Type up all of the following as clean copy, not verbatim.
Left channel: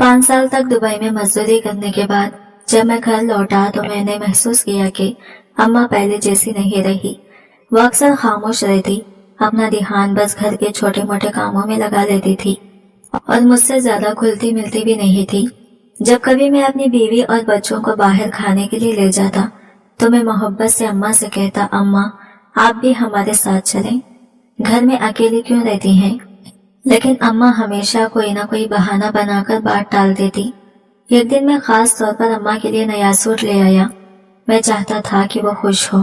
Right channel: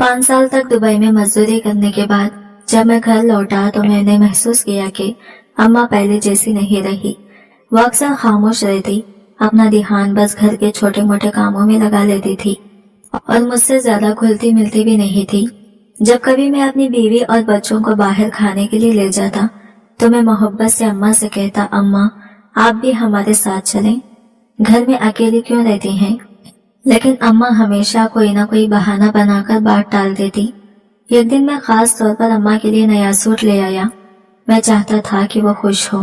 5 साल तक दुबई में मजदूरी करने के बाद जब मैं घर लौटा तो मैंने महसूस किया कि अम्मा पहले जैसी नहीं रही। वो अक्सर खामोश रहती, अपना ध्यान बस घर के छोटे मोटे कामों में लगा लेती थी और मुझसे ज्यादा घुलती मिलती भी नहीं थी। जब कभी मैं अपनी बीवी और बच्चों को बाहर खाने के लिए ले जाता तो मैं मोहब्बत से अम्मा से कहता, अम्मा आप भी हमारे साथ चलें, घर में अकेली क्यों रहती हैं। लेकिन अम्मा हमेशा कोई ना कोई बहाना बनाकर बात टाल देती। एक दिन मैं खास तौर पर अम्मा के लिए नया सूट ले आया। मैं चाहता था कि वो खुश हो,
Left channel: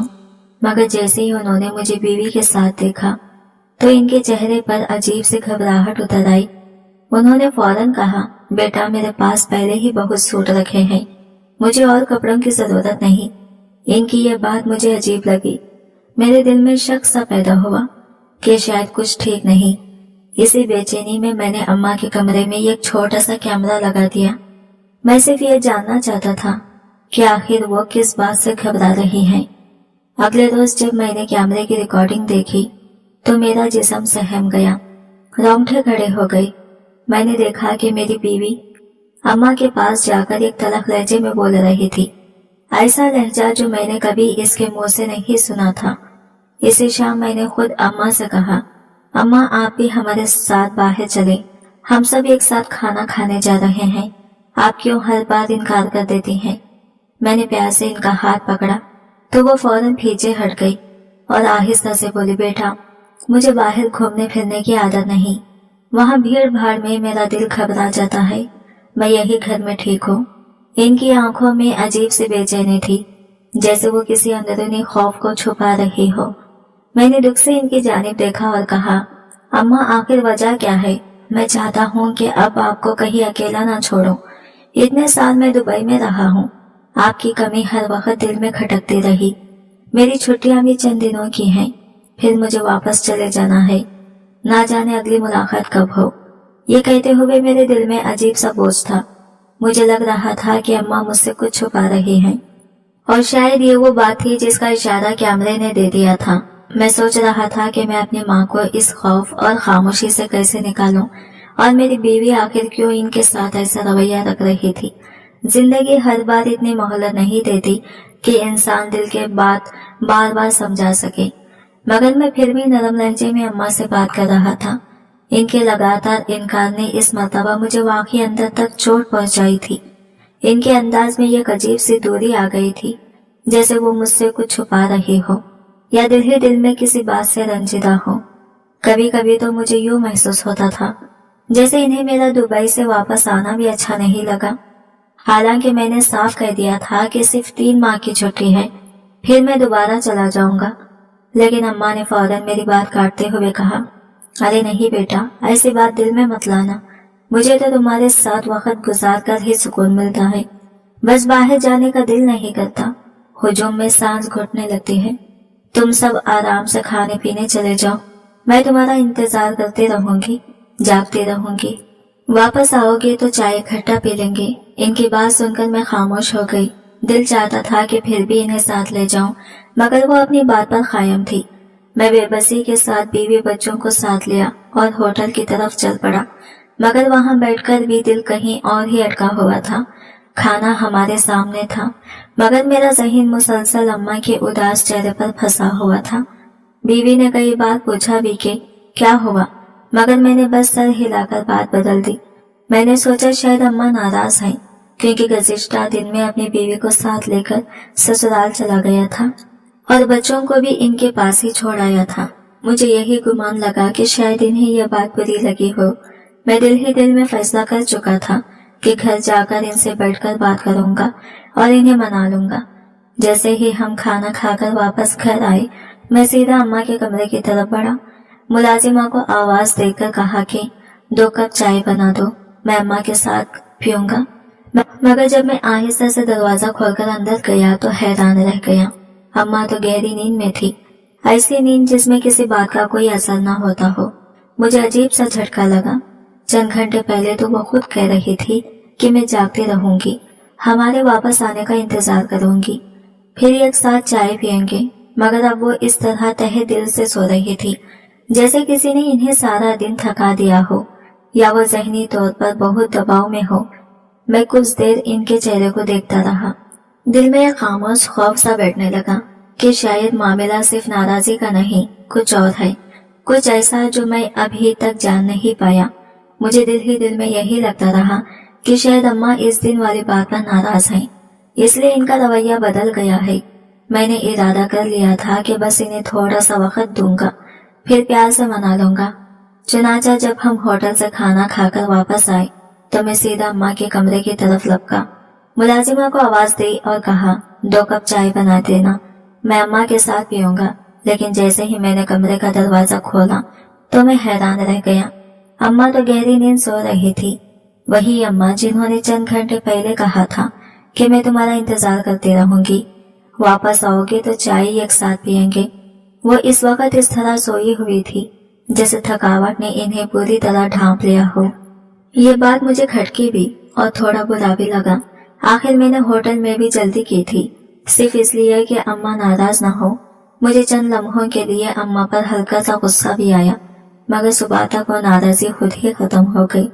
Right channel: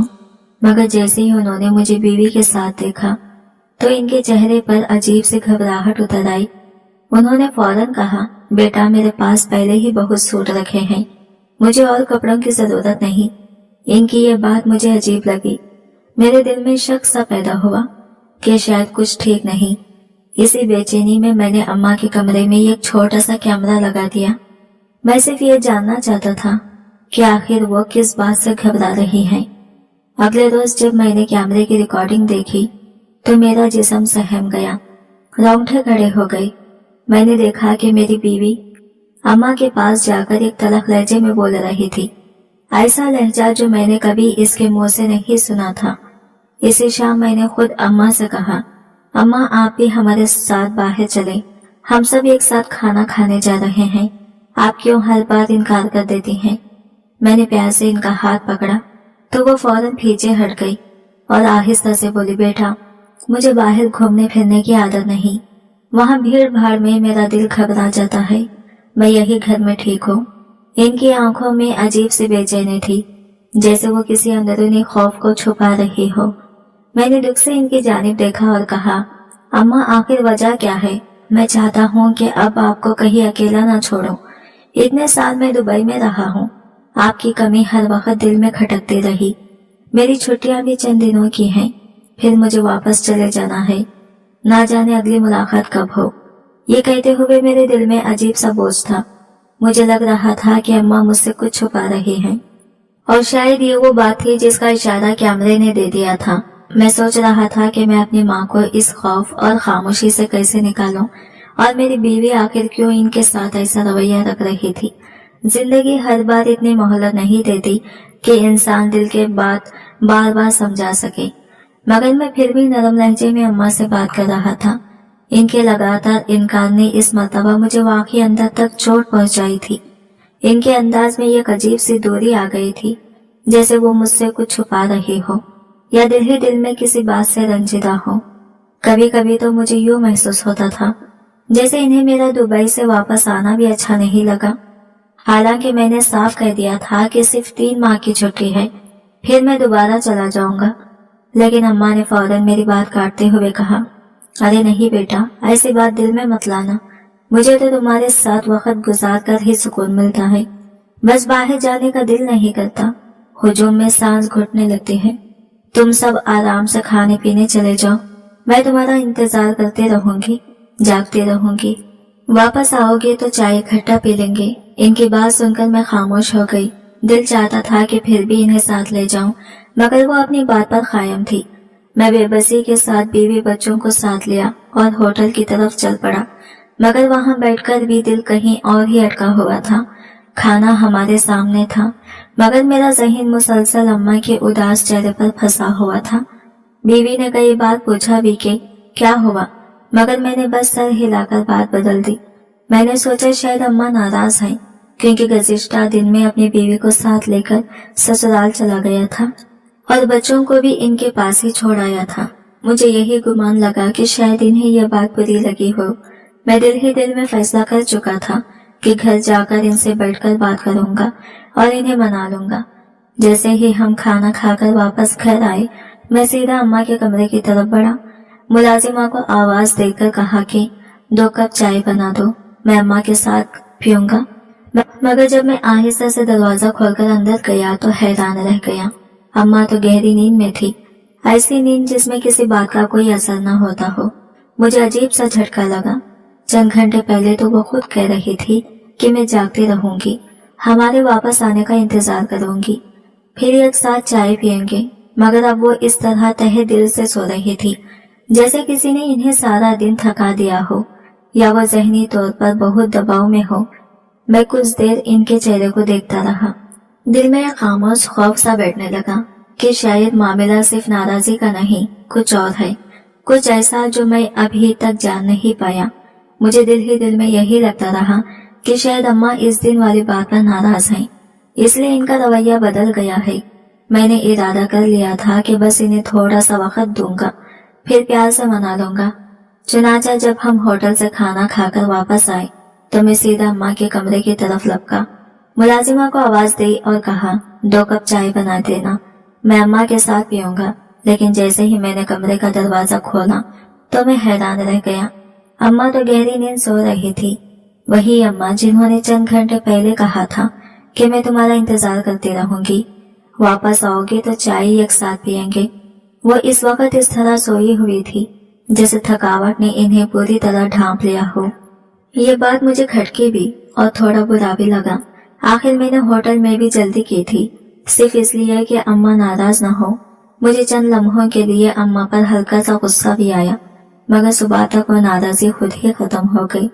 मगर जैसे ही उन्होंने मुझे बीवी के साथ देखा तो इनके चेहरे पर अजीब सी घबराहट उतर आई। उन्होंने फौरन कहा, बेटा मेरे पास पहले ही बहुत सूट रखे हैं, मुझे और कपड़ों की जरूरत नहीं। इनकी यह बात मुझे अजीब लगी। मेरे दिल में शक सा पैदा हुआ कि शायद कुछ ठीक नहीं। इसी बेचैनी में मैंने अम्मा के कमरे में एक छोटा सा कैमरा लगा दिया। मैं सिर्फ ये जानना चाहता था कि आखिर वो किस बात से घबरा रही हैं। अगले रोज जब मैंने कैमरे की रिकॉर्डिंग देखी तो मेरा जिस्म सहम गया, रोंगटे खड़े हो गए। मैंने देखा कि मेरी बीवी अम्मा के पास जाकर एक तलख लहजे में बोल रही थी, ऐसा लहजा जो मैंने कभी इसके मुंह से नहीं सुना था। इसी शाम मैंने खुद अम्मा से कहा, अम्मा आप भी हमारे साथ बाहर चले, हम सब एक साथ खाना खाने जा रहे हैं, आप क्यों हर बार इनकार कर देती हैं। मैंने प्यार से इनका हाथ पकड़ा तो वो फौरन पीछे हट गई और आहिस्ता से बोली, बेटा मुझे बाहर घूमने फिरने की आदत नहीं, वहाँ भीड़ भाड़ में मेरा दिल घबरा जाता है, मैं यही घर में ठीक हूँ। इनकी आंखों में अजीब सी बेचैनी थी, जैसे वो किसी अंदरूनी खौफ को छुपा रही हो। मैंने दुख से इनकी जानिब देखा और कहा, अम्मा आखिर वजह क्या है। मैं चाहता हूँ कि अब आपको कहीं अकेला ना छोड़ूं। इतने साल मैं दुबई में रहा हूँ, आपकी कमी हर वक्त दिल में खटकती रही। मेरी छुट्टियां भी चंद दिनों की हैं, फिर मुझे वापस चले जाना है, ना जाने अगली मुलाकात कब हो। ये कहते हुए मेरे दिल में अजीब सा बोझ था। मुझे लग रहा था कि अम्मा मुझसे कुछ छुपा रही हैं और शायद ये वो बात थी जिसका इशारा कैमरे ने दे दिया था। मैं सोच रहा था कि मैं अपनी माँ को इस खौफ और खामोशी से कैसे निकालूं और मेरी बीवी आखिर क्यों इनके साथ ऐसा रवैया रख रही थी। जिंदगी हर बार इतनी मोहलत नहीं देती कि इंसान दिल के बात बार बार समझा सके, मगर मैं फिर भी नरम लहजे में अम्मा से बात कर रहा था। इनके लगातार इनकार ने इस मर्तबा मुझे वाकई अंदर तक चोट पहुंचाई थी। इनके अंदाज में एक अजीब सी दूरी आ गई थी, जैसे वो मुझसे कुछ छुपा रही हो या दिल ही दिल में किसी बात से रंजीदा हो। कभी कभी तो मुझे यूं महसूस होता था जैसे इन्हें मेरा दुबई से वापस आना भी अच्छा नहीं लगा। हालांकि मैंने साफ कह दिया था कि सिर्फ 3 माह की छुट्टी है, फिर मैं दोबारा चला जाऊंगा। लेकिन अम्मा ने फौरन मेरी बात काटते हुए कहा, अरे नहीं बेटा, ऐसी बात दिल में मत लाना, मुझे तो तुम्हारे साथ वक्त गुजार कर ही सुकून मिलता है, बस बाहर जाने का दिल नहीं करता। हुजूम में सांस घुटने लगती है। तुम सब आराम से खाने पीने चले जाओ, मैं तुम्हारा इंतजार करते रहूंगी, जागती रहूंगी। वापस आओगे तो चाय इकट्ठा पी लेंगे। इनकी बात सुनकर मैं खामोश हो गई। दिल चाहता था कि फिर भी इन्हें साथ ले जाऊं, मगर वो अपनी बात पर कायम थी। मैं बेबसी के साथ बीवी बच्चों को साथ लिया और होटल की तरफ चल पड़ा, मगर वहां बैठकर भी दिल कहीं और ही अटका हुआ था। खाना हमारे सामने था, मगर मेरा ज़हन मुसलसल अम्मा के उदास चेहरे पर फंसा हुआ था। बीवी ने कई बार पूछा भी कि क्या हुआ, मगर मैंने बस सर हिलाकर बात बदल दी। मैंने सोचा शायद अम्मा नाराज हैं, क्योंकि गुज़िश्ता दिन में अपनी बीवी को साथ लेकर ससुराल चला गया था और बच्चों को भी इनके पास ही छोड़ आया था। मुझे यही गुमान लगा कि शायद इन्हें यह बात बुरी लगी हो। मैं दिल ही दिल में फैसला कर चुका था कि घर जाकर इनसे बैठकर बात करूंगा और इन्हें मना लूंगा। जैसे ही हम खाना खाकर वापस घर आए, मैं सीधा अम्मा के कमरे की तरफ बढ़ा। मुलाजिमा को आवाज देकर कहा कि 2 कप चाय बना दो, मैं अम्मा के साथ पीऊंगा। मगर जब मैं आहिस्ता से दरवाजा खोलकर अंदर गया तो हैरान रह गया। अम्मा तो गहरी नींद में थी, ऐसी नींद जिसमें किसी बात का कोई असर न होता हो। मुझे अजीब सा झटका लगा। चंद घंटे पहले तो वो खुद कह रही थी कि मैं जागती रहूंगी, हमारे वापस आने का इंतजार करूंगी, फिर एक साथ चाय पियेंगे, मगर अब वो इस तरह तहे दिल से सो रही थी जैसे किसी ने इन्हें सारा दिन थका दिया हो, या वो ज़हनी तौर पर बहुत दबाव में हो मैं कुछ देर इनके चेहरे को देखता रहा। दिल में एक खामोश खौफ सा बैठने लगा कि शायद मामला सिर्फ नाराजगी का नहीं, कुछ और है, कुछ ऐसा जो मैं अभी तक जान नहीं पाया। मुझे दिल ही दिल में यही लगता रहा कि शायद अम्मा इस दिन वाली बात पर नाराज हैं, इसलिए इनका रवैया बदल गया है। मैंने इरादा कर लिया था कि बस इन्हें थोड़ा सा वक्त दूंगा, फिर प्यार से मना लूंगा। चुनाचा जब हम होटल से खाना खाकर वापस आए तो मैं सीधा अम्मा के कमरे की तरफ लपका, मुलाजिमा को आवाज दी और कहा, 2 कप चाय बना देना, मैं अम्मा के साथ पीऊंगा। लेकिन जैसे ही मैंने कमरे का दरवाजा खोला तो मैं हैरान रह गया। अम्मा तो गहरी नींद सो रही थी, वही अम्मा जिन्होंने चंद घंटे पहले कहा था कि मैं तुम्हारा इंतजार करती रहूंगी, वापस आओगे तो चाय एक साथ पियेंगे। वो इस वक्त इस तरह सोई हुई थी जैसे थकावट ने इन्हें पूरी तरह ढांप लिया हो। ये बात मुझे खटकी भी और थोड़ा बुरा भी लगा। आखिर मैंने होटल में भी जल्दी की थी, सिर्फ इसलिए कि अम्मा नाराज न हो। मुझे चंद लम्हों के लिए अम्मा पर हल्का सा गुस्सा भी आया, मगर सुबह तक वो नाराजगी खुद ही खत्म हो गई।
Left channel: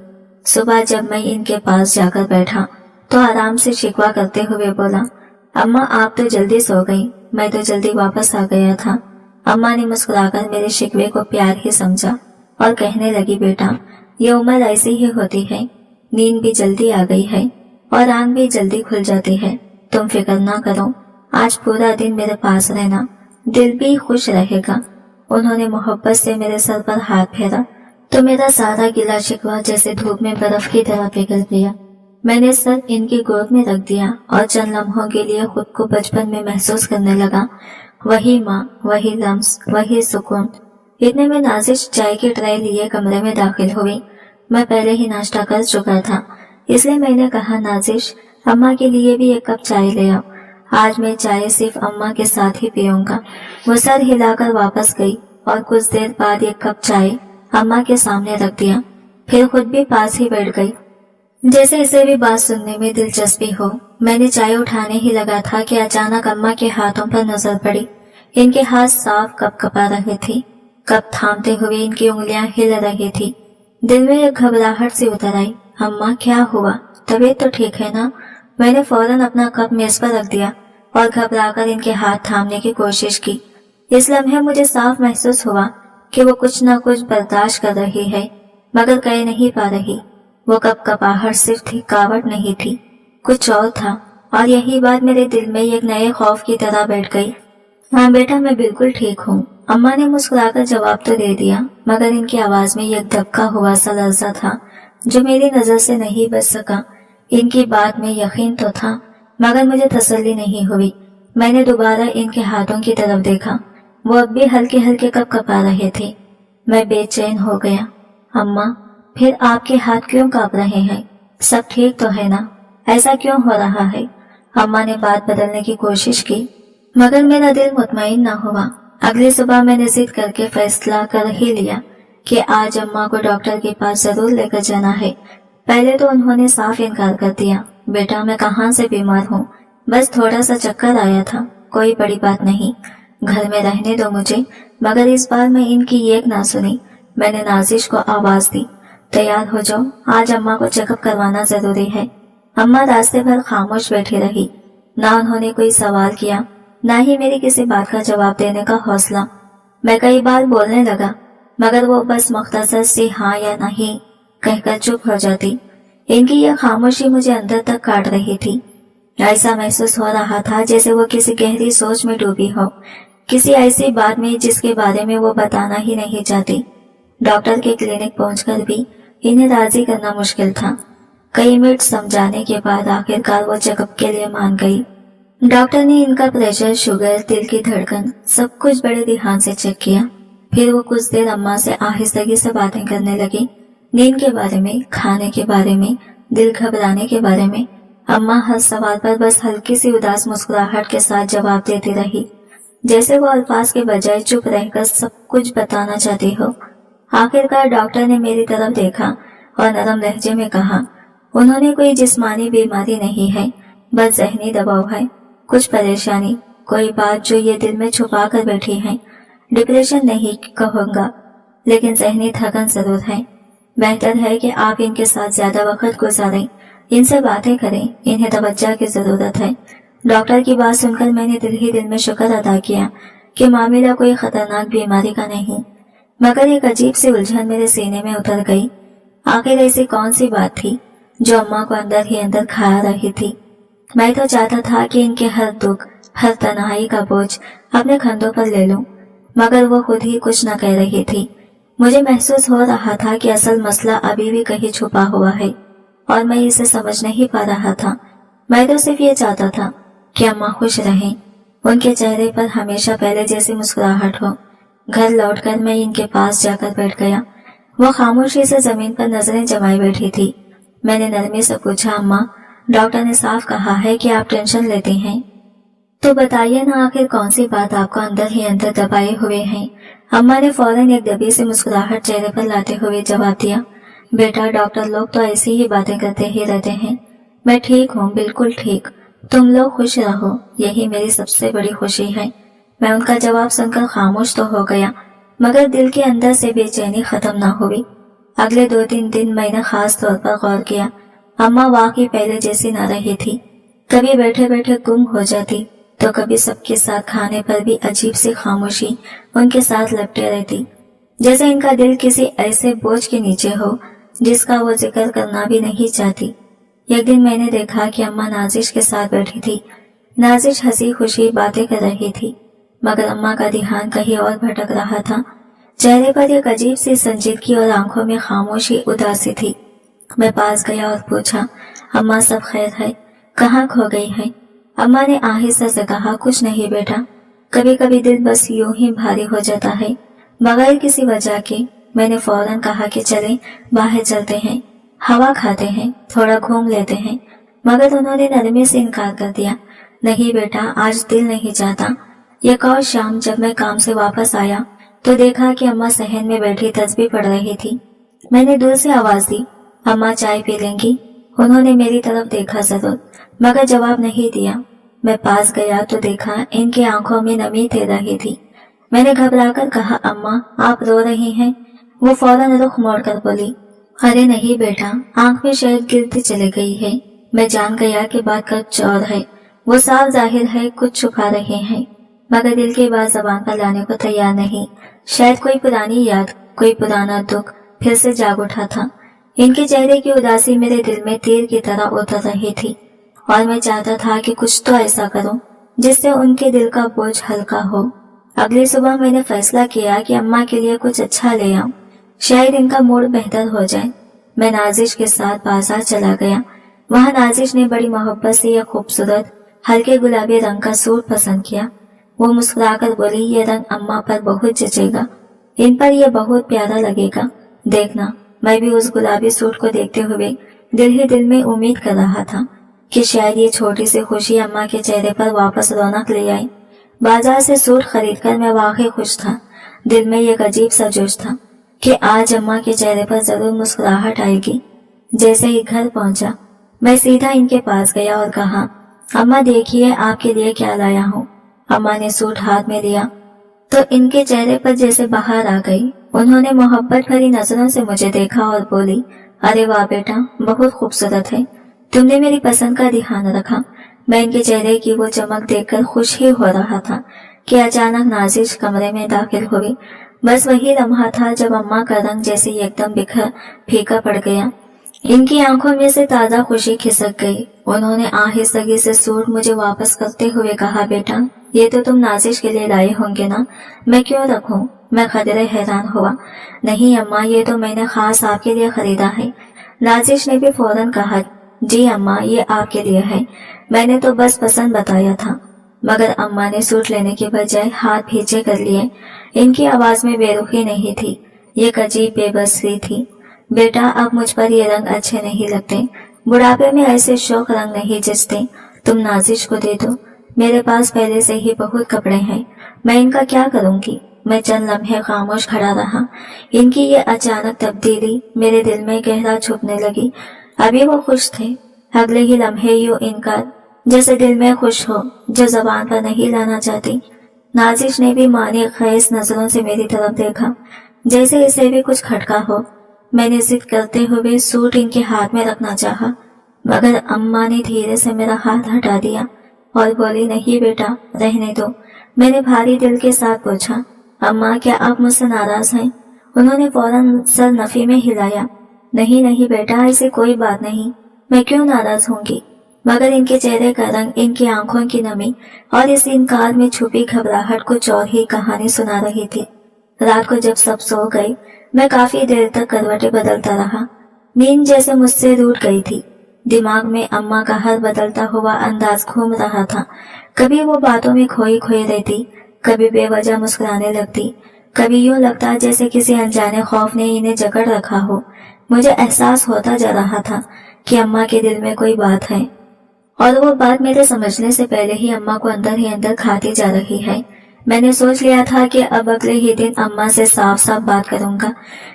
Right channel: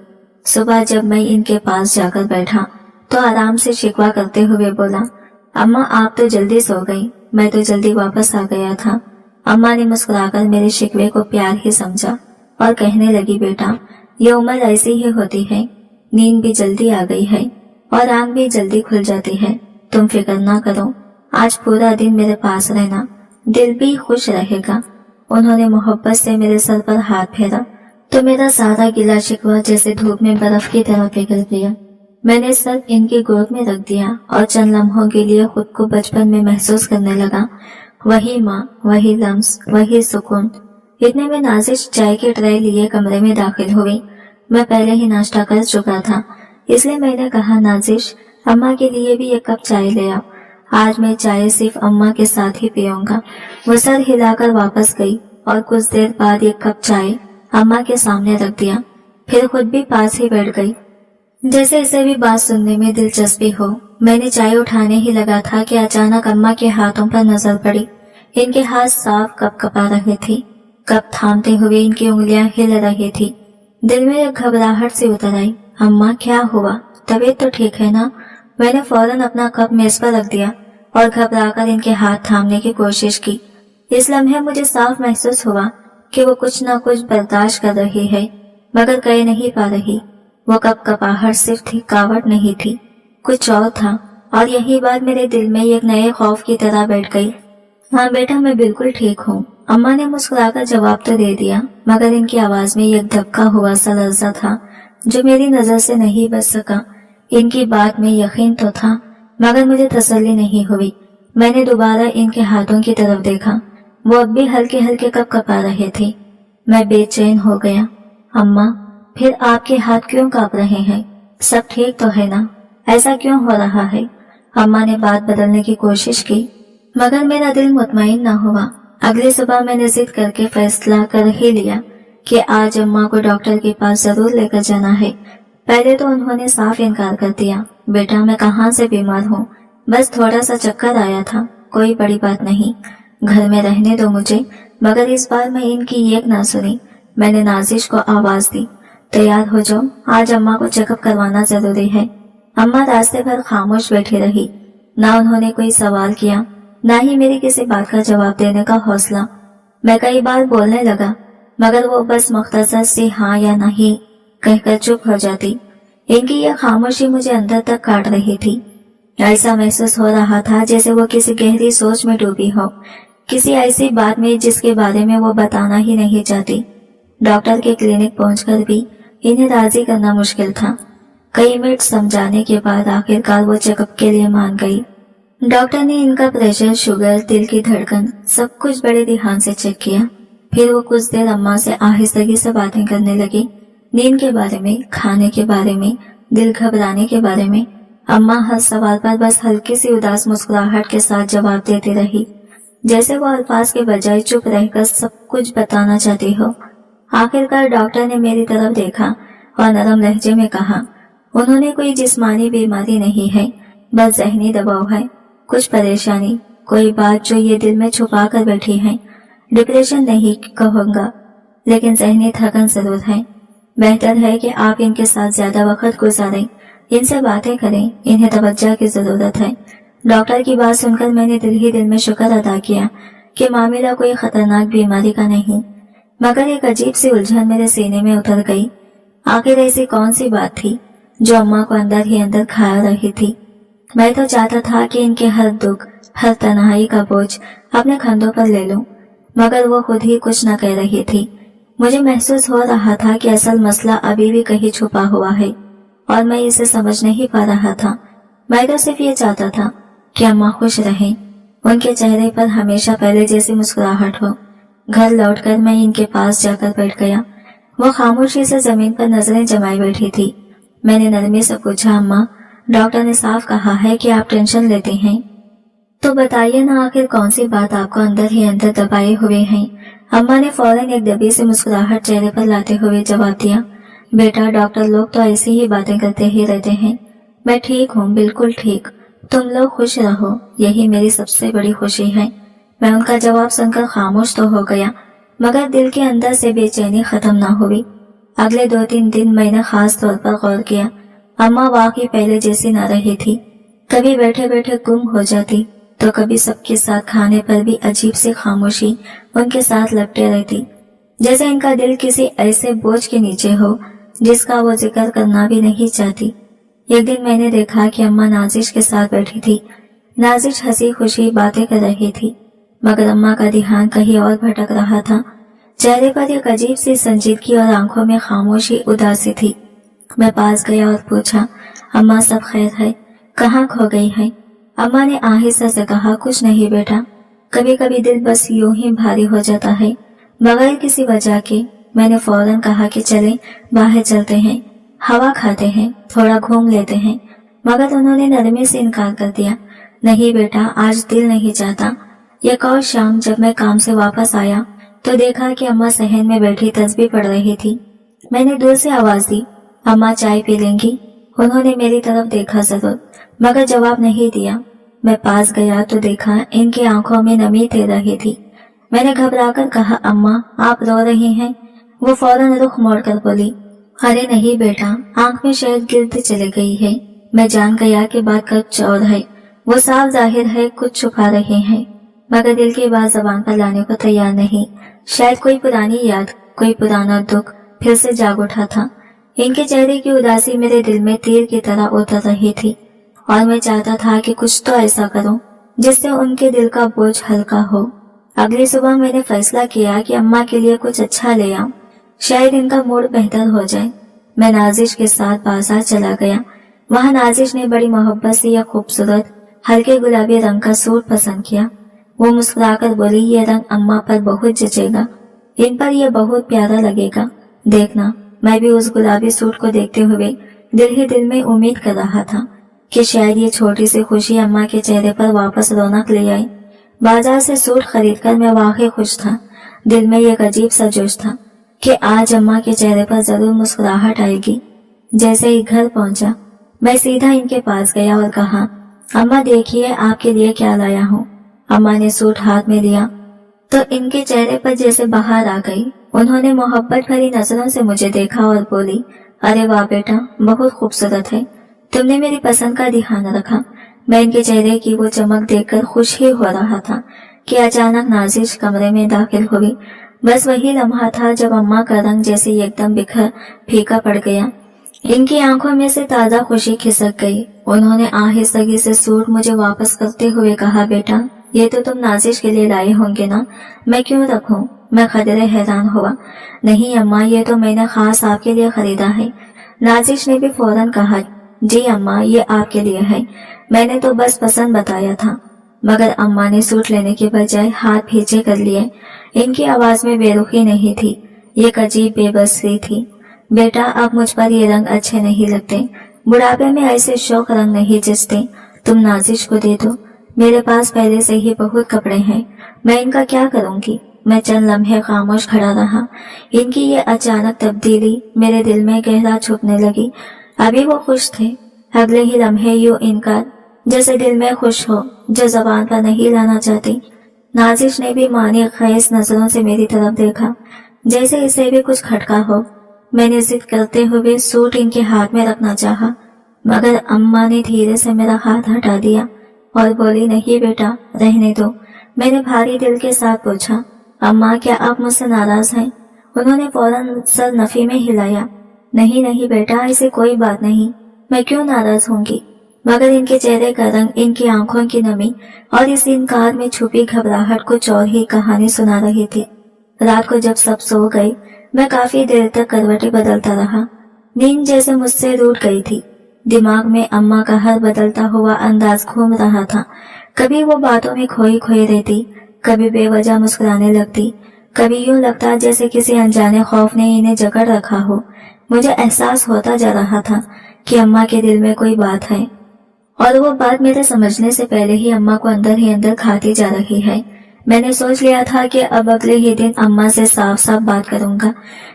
सुबह जब मैं इनके पास जाकर बैठा तो आराम से शिकवा करते हुए बोला, अम्मा आप तो जल्दी सो गई, मैं तो जल्दी वापस आ गया था। अम्मा ने मुस्कुराकर मेरे शिकवे को प्यार ही समझा और कहने लगी, बेटा ये उम्र ऐसी ही होती है, नींद भी जल्दी आ गई है और आंख भी जल्दी खुल जाती है। तुम फिक्र ना करो, आज पूरा दिन मेरे पास रहना, दिल भी खुश रहेगा। उन्होंने मोहब्बत से मेरे सर पर हाथ फेरा तो मेरा सारा गिला शिकवा जैसे धूप में बर्फ की तरह पिघल गया। मैंने सर इनकी गोद में रख दिया और चंद लम्हों के लिए खुद को बचपन में महसूस करने लगा। वही माँ, वही लम्स, वही सुकून। इतने में नाजिश चाय की ट्रे लिए कमरे में दाखिल हुई। मैं पहले ही नाश्ता कर चुका था, इसलिए मैंने कहा, नाजिश अम्मा के लिए भी 1 कप चाय ले आओ, आज मैं चाय सिर्फ अम्मा के साथ ही पीऊंगा। वो सर हिलाकर वापस गई और कुछ देर बाद 1 कप चाय अम्मा के सामने रख दिया, फिर खुद भी पास ही बैठ गई, जैसे इसे भी बात सुनने में दिलचस्पी हो। मैंने चाय उठाने ही लगा था कि अचानक अम्मा के हाथों पर नजर पड़ी। इनके हाथ साफ कपकपा रहे थे, कप थामते हुए इनकी उंगलियां हिल रही थी। दिल में एक घबराहट सी उतर आई। अम्मा क्या हुआ, तबीयत तो ठीक है ना? मैंने फौरन अपना कप मेज पर रख दिया और घबराकर इनके हाथ थामने की कोशिश की। इस लम्हे मुझे साफ महसूस हुआ कि वो कुछ न कुछ बर्दाश्त कर रही है, मगर कह नहीं पा रही। वो कपकपाहट सिर्फ थकावट नहीं थी, कुछ और था, और यही बात मेरे दिल में एक नए खौफ की तरह बैठ गई। हाँ बेटा, मैं बिल्कुल ठीक हूँ, अम्मा ने मुस्कुराकर जवाब तो दे दिया, मगर इनकी आवाज में एक धक्का हुआ सा लर्जा था जो मेरी नजर से नहीं बच सका। इनकी बात में यकीन तो था, मगर मुझे तसल्ली नहीं हुई। मैंने दोबारा इनके हाथों की तरफ देखा, वो अब भी हल्के हल्के कपकपा रहे थे। मैं बेचैन हो गया। अम्मा, फिर आपके हाथ क्यों कांप रहे हैं? सब ठीक तो है ना? ऐसा क्यों हो रहा है? अम्मा ने बात बदलने की कोशिश की, मगर मेरा दिल मुतमईन न हुआ। अगली सुबह मैंने जिद करके फैसला कर ही लिया कि आज अम्मा को डॉक्टर के पास जरूर लेकर जाना है। पहले तो उन्होंने साफ इनकार कर दिया, बेटा मैं कहाँ से बीमार हूँ, बस थोड़ा सा चक्कर आया था, कोई बड़ी बात नहीं, घर में रहने दो मुझे। मगर इस बार मैं इनकी एक ना सुनी। मैंने नाजिश को आवाज दी, तैयार हो जाओ, आज अम्मा को चेकअप करवाना जरूरी है। अम्मा रास्ते भर खामोश बैठी रही, ना उन्होंने कोई सवाल किया, ना ही मेरी किसी बात का जवाब देने का हौसला। मैं कई बार बोलने लगा, मगर वो बस मुख्तसर से हाँ या नहीं कहकर चुप हो जाती। इनकी यह खामोशी मुझे अंदर तक काट रही थी। ऐसा महसूस हो रहा था जैसे वो किसी गहरी सोच में डूबी हो, किसी ऐसी बात में जिसके बारे में वो बताना ही नहीं चाहती। डॉक्टर के क्लिनिक पहुंचकर भी इन्हें राजी करना मुश्किल था। कई मिनट समझाने के बाद आखिरकार वो चेकअप के लिए मान गई। डॉक्टर ने इनका प्रेशर, शुगर, दिल की धड़कन सब कुछ बड़े ध्यान से चेक किया। फिर वो कुछ देर अम्मा से आहिस्तगी से बातें करने लगी, नींद के बारे में, खाने के बारे में, दिल घबराने के बारे में। अम्मा हर सवाल पर बस हल्की सी उदास मुस्कुराहट के साथ जवाब देती रही, जैसे वो अल्फाज के बजाय चुप रहकर सब कुछ बताना चाहती हो। आखिरकार डॉक्टर ने मेरी तरफ देखा और नरम लहजे में कहा, उन्होंने कोई जिस्मानी बीमारी नहीं है, बस ज़हनी दबाव है, कुछ परेशानी, कोई बात जो ये दिल में छुपा कर बैठी है। डिप्रेशन नहीं कहूँगा, लेकिन ज़हनी थकन जरूर है। बेहतर है कि आप इनके साथ ज्यादा वक्त गुजारें, इनसे बातें करें, इन्हें तवज्जो की जरूरत है। डॉक्टर की बात सुनकर मैंने दिल ही दिल में शुक्र अदा किया कि मामला कोई खतरनाक बीमारी का नहीं, मगर एक अजीब सी उलझन मेरे सीने में उतर गई। आखिर ऐसी कौन सी बात थी जो अम्मा को अंदर ही अंदर खा रही थी। मैं तो चाहता था कि इनके हर दुख, हर तन्हाई का बोझ अपने कंधों पर ले लूं, मगर वो खुद ही कुछ न कह रही थी। मुझे महसूस हो रहा था कि असल मसला अभी भी कहीं छुपा हुआ है और मैं इसे समझ नहीं पा रहा था। मैं तो सिर्फ ये चाहता था कि अम्मा खुश रहें, उनके चेहरे पर हमेशा पहले जैसी मुस्कुराहट हो। घर लौटकर मैं इनके पास जाकर बैठ गया। वो खामोशी से जमीन पर नजरें जमाए बैठी थी। मैंने नरमी से पूछा, अम्मा, डॉक्टर ने साफ कहा है कि आप टेंशन लेती हैं, तो बताइए ना आखिर कौन सी बात आपको अंदर ही अंदर दबाए हुए हैं। अम्मा ने फौरन एक दबी से मुस्कुराहट चेहरे पर लाते हुए जवाब दिया, बेटा, डॉक्टर लोग तो ऐसी ही बातें करते ही रहते हैं। मैं ठीक हूँ, बिल्कुल ठीक। तुम लोग खुश रहो, यही मेरी सबसे बड़ी खुशी है। मैं उनका जवाब सुनकर खामोश तो हो गया, मगर दिल के अंदर से बेचैनी खत्म न हुई। अगले 2-3 दिन मैंने खास तौर पर गौर किया। अम्मा वाकई पहले जैसी न रही थी। कभी बैठे बैठे गुम हो जाती, तो कभी सबके साथ खाने पर भी अजीब सी खामोशी उनके साथ लपटे रहती, जैसे इनका दिल किसी ऐसे बोझ के नीचे हो जिसका वो जिक्र करना भी नहीं चाहती। एक दिन मैंने देखा कि अम्मा नाजिश के साथ बैठी थी। नाजिश हंसी खुशी बातें कर रही थी, मगर अम्मा का ध्यान कहीं और भटक रहा था। चेहरे पर एक अजीब सी संजीदगी और आंखों में खामोशी उदासी थी। मैं पास गया और पूछा, अम्मा, सब खैर है? कहाँ खो गई है? अम्मा ने आहिस्ता से कहा, कुछ नहीं बेटा, कभी कभी दिल बस यूं ही भारी हो जाता है, बगैर किसी वजह के। मैंने फौरन कहा कि चलें, बाहर चलते हैं, हवा खाते हैं, थोड़ा घूम लेते हैं, मगर उन्होंने नरमी से इनकार कर दिया। नहीं बेटा, आज दिल नहीं चाहता। एक और शाम जब मैं काम से वापस आया तो देखा कि अम्मा सहन में बैठी तस्बीह पढ़ रही थी। मैंने दूर से आवाज दी, अम्मा, चाय पी लेंगी? उन्होंने मेरी तरफ देखा जरूर, मगर जवाब नहीं दिया। मैं पास गया तो देखा इनकी आंखों में नमी तैर रही थी। मैंने घबराकर कहा, अम्मा, आप रो रही हैं? वो फौरन रुख मोड़कर बोली, अरे नहीं बेटा, आंख में शायद गिर्द चली गई है। मैं जान गया कि बात कुछ और है। वो साफ जाहिर है कुछ छुपा रहे हैं, मगर दिल की बात जबान पर लाने को तैयार नहीं। शायद कोई पुरानी याद, कोई पुराना दुख फिर से जाग उठा था। इनके चेहरे की उदासी मेरे दिल में तीर की तरह उतर रही थी और मैं चाहता था कि कुछ तो ऐसा करूं जिससे उनके दिल का बोझ हल्का हो। अगली सुबह मैंने फैसला किया कि अम्मा के लिए कुछ अच्छा ले आऊं, शायद इनका मूड बेहतर हो जाए। मैं नाजिश के साथ बाजार चला गया। वहां नाजिश ने बड़ी मोहब्बत से यह खूबसूरत हल्के गुलाबी रंग का सूट पसंद किया। वो मुस्कुराकर बोली, ये रंग अम्मा पर बहुत जचेगा, इन पर यह बहुत प्यारा लगेगा, देखना। मैं भी उस गुलाबी सूट को देखते हुए दिल ही दिल में उम्मीद कर रहा था कि शायद ये छोटी सी खुशी अम्मा के चेहरे पर वापस रौनक ले आए। बाजार से सूट खरीदकर मैं वाकई खुश था। दिल में एक अजीब सा जोश था कि आज अम्मा के चेहरे पर जरूर मुस्कुराहट आएगी। जैसे ही घर पहुंचा, मैं सीधा इनके पास गया और कहा, अम्मा देखिए आपके लिए क्या लाया हूँ। अम्मा ने सूट हाथ में लिया तो इनके चेहरे पर जैसे बहार आ गई। उन्होंने मोहब्बत भरी नजरों से मुझे देखा और बोली, अरे वाह बेटा, बहुत खूबसूरत है, तुमने मेरी पसंद का ध्यान रखा। मैं इनके चेहरे की वो चमक देखकर खुश ही हो रहा था कि अचानक नाजिश कमरे में दाखिल हुई। बस वही लम्हा था जब अम्मा का रंग जैसे एकदम बिखर फीका पड़ गया। इनकी आंखों में से ताजा खुशी खिसक गई। उन्होंने आहिस्तगी से सूट मुझे वापस करते हुए कहा, बेटा, ये तो तुम नाजिश के लिए लाए होंगे ना, मैं क्यों रखूं? मैं खदरे हैरान हुआ। नहीं अम्मा, ये तो मैंने खास आपके लिए खरीदा है। नाजिश ने भी फौरन कहा, जी अम्मा, ये आपके लिए है, मैंने तो बस पसंद बताया था। मगर अम्मा ने सूट लेने के बजाय हाथ पीछे कर लिए। इनकी आवाज में बेरुखी नहीं थी, एक अजीब बेबसी थी। बेटा, अब मुझ पर ये रंग अच्छे नहीं लगते, बुढ़ापे में ऐसे शौक रंग नहीं जचते, तुम नाजिश को दे दो। मेरे पास पहले से ही बहुत कपड़े हैं, मैं इनका क्या करूंगी? मैं चंद लम्हे खामोश खड़ा रहा। इनकी ये अचानक तब्दीली मेरे दिल में गहरा छुपने लगी। अभी वो खुश थे, अगले ही लम्हे यूं इनकार, जैसे दिल में खुश हो जो जबान पर नहीं लाना चाहती। नाजिश ने भी मानी खैस नजरों से मेरी तरफ देखा, जैसे इसे भी कुछ खटका हो। मैंने जिद करते हुए सूट इनके हाथ में रखना चाहा, मगर अम्मा ने धीरे से मेरा हाथ हटा दिया और बोली, नहीं बेटा, रहने दो। मैंने भारी दिल के साथ पूछा, अम्मा क्या आप मुझसे नाराज हैं? उन्होंने फौरन सर नफी में हिलाया। नहीं नहीं बेटा, ऐसी कोई बात नहीं, मैं क्यों नाराज होंगी। मगर इनके चेहरे का रंग, इनकी आंखों की नमी और इस इनकार में छुपी घबराहट कुछ और ही कहानी सुना रही थी। रात को जब सब सो गए, मैं काफी देर तक करवटें बदलता रहा। नींद जैसे मुझसे रूठ गई थी। दिमाग में अम्मा का हर बदलता हुआ अंदाज घूम रहा था। कभी वो बातों में खोई खोई रहती, कभी बेवजह मुस्कुराने लगती, कभी यूं लगता जैसे किसी अनजाने खौफ ने इन्हें जकड़ रखा हो। मुझे एहसास होता जा रहा था कि अम्मा के दिल में कोई बात है, और वो बात मेरे समझने से पहले ही अम्मा को अंदर ही अंदर खाती जा रही है। मैंने सोच लिया था कि अब अगले ही दिन अम्मा से साफ साफ बात करूंगा,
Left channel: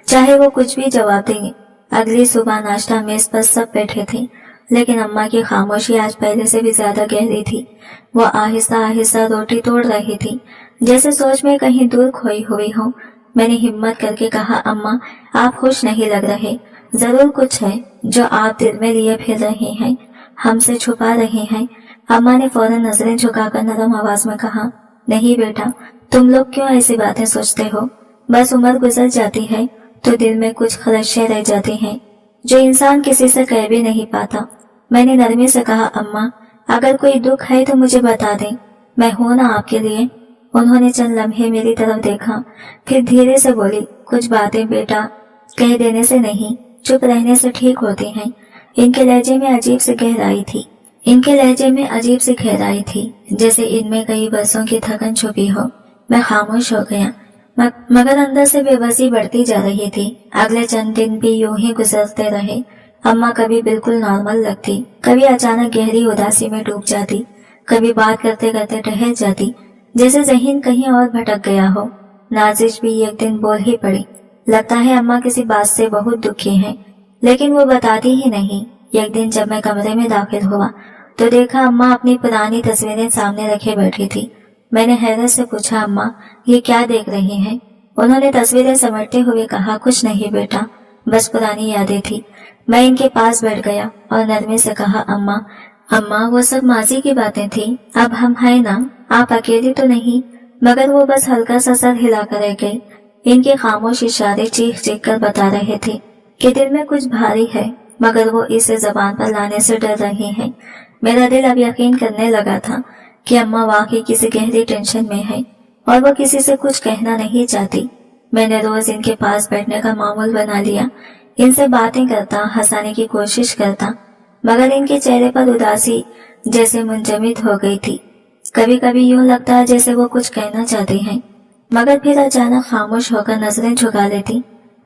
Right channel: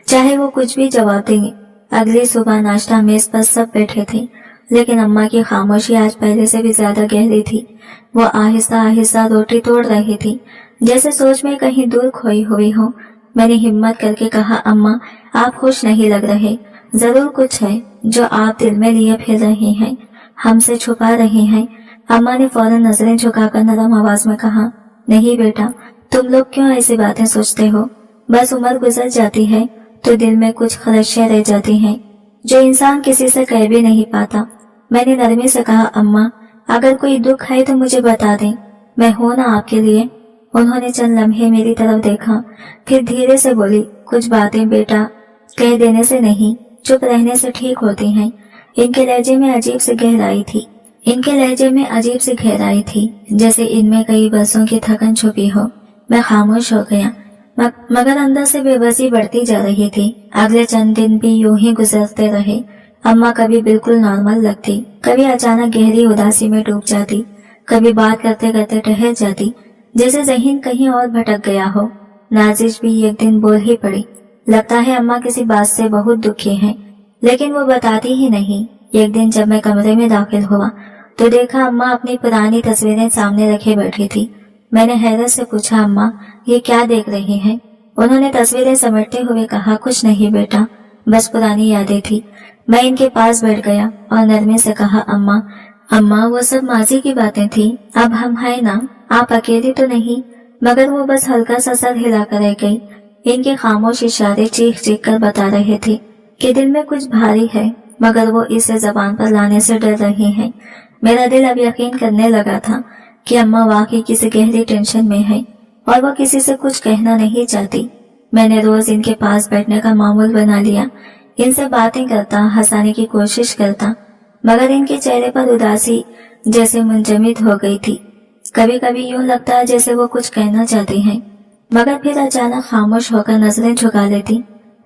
चाहे वो कुछ भी जवाब देंगे। अगली सुबह नाश्ता मेज पर सब बैठे थे, लेकिन अम्मा की खामोशी आज पहले से भी ज्यादा गहरी थी। वो आहिस्ता आहिस्ता रोटी तोड़ रही थी, जैसे सोच में कहीं दूर खोई हुई हो। मैंने हिम्मत करके कहा, अम्मा आप खुश नहीं लग रहे, जरूर कुछ है जो आप दिल में लिए फिर रहे हैं, हमसे छुपा रहे हैं। अम्मा ने फौरन नजरें झुकाकर नरम आवाज में कहा, नहीं बेटा, तुम लोग क्यों ऐसी बातें सोचते हो। बस उम्र गुजर जाती है तो दिल में कुछ खलशियां रह जाती हैं जो इंसान किसी से कह भी नहीं पाता। मैंने नरमी से कहा, अम्मा अगर कोई दुख है तो मुझे बता दें, मैं हूं ना आपके लिए। उन्होंने चंद लम्हे मेरी तरफ देखा, फिर धीरे से बोली, कुछ बातें बेटा कह देने से नहीं, चुप रहने से ठीक होती हैं। इनके लहजे में अजीब सी गहराई थी, जैसे इनमें कई बरसों की थकन छुपी हो। मैं खामोश हो गया, मगर अंदर से बेबसी बढ़ती जा रही थी। अगले चंद दिन भी यूं ही गुजरते रहे। अम्मा कभी बिल्कुल नॉर्मल लगती, कभी अचानक गहरी उदासी में डूब जाती, कभी बात करते करते ठहर जाती, जैसे ज़हन कहीं और भटक गया हो। नाजिश भी एक दिन बोल ही पड़ी, लगता है अम्मा किसी बात से बहुत दुखी हैं, लेकिन वो बताती ही नहीं। एक दिन जब मैं कमरे में दाखिल हुआ तो देखा अम्मा अपनी पुरानी तस्वीरें सामने रखे बैठी थी। मैंने हैरत से पूछा, अम्मा ये क्या देख रही हैं? उन्होंने तस्वीरें समेटते हुए कहा, कुछ नहीं बेटा, बस पुरानी यादें थी। मैं इनके पास बैठ गया और नरमी से कहा, अम्मा वो सब माजी की बातें थी, अब हम हैं ना, आप अकेली तो नहीं। मगर वो बस हल्का सा सर हिलाकर रह गई। इनके खामोश इशारे चीख चीख कर बता रहे थे कि दिल में कुछ भारी है, मगर वो इसे जबान पर लाने से डर रही हैं। मेरा दिल अब यकीन करने लगा था कि अम्मा वाकई किसी गहरी टेंशन में है और वो किसी से कुछ कहना नहीं चाहती। मैंने रोज इनके पास बैठने का मामूल बना लिया, इनसे बातें करता, हंसाने की कोशिश करता, मगर इनके चेहरे पर उदासी जैसे मुंजमद हो गई थी। कभी कभी यूं लगता जैसे वो कुछ कहना चाहती हैं, मगर फिर अचानक खामोश होकर नजरें झुका लेती।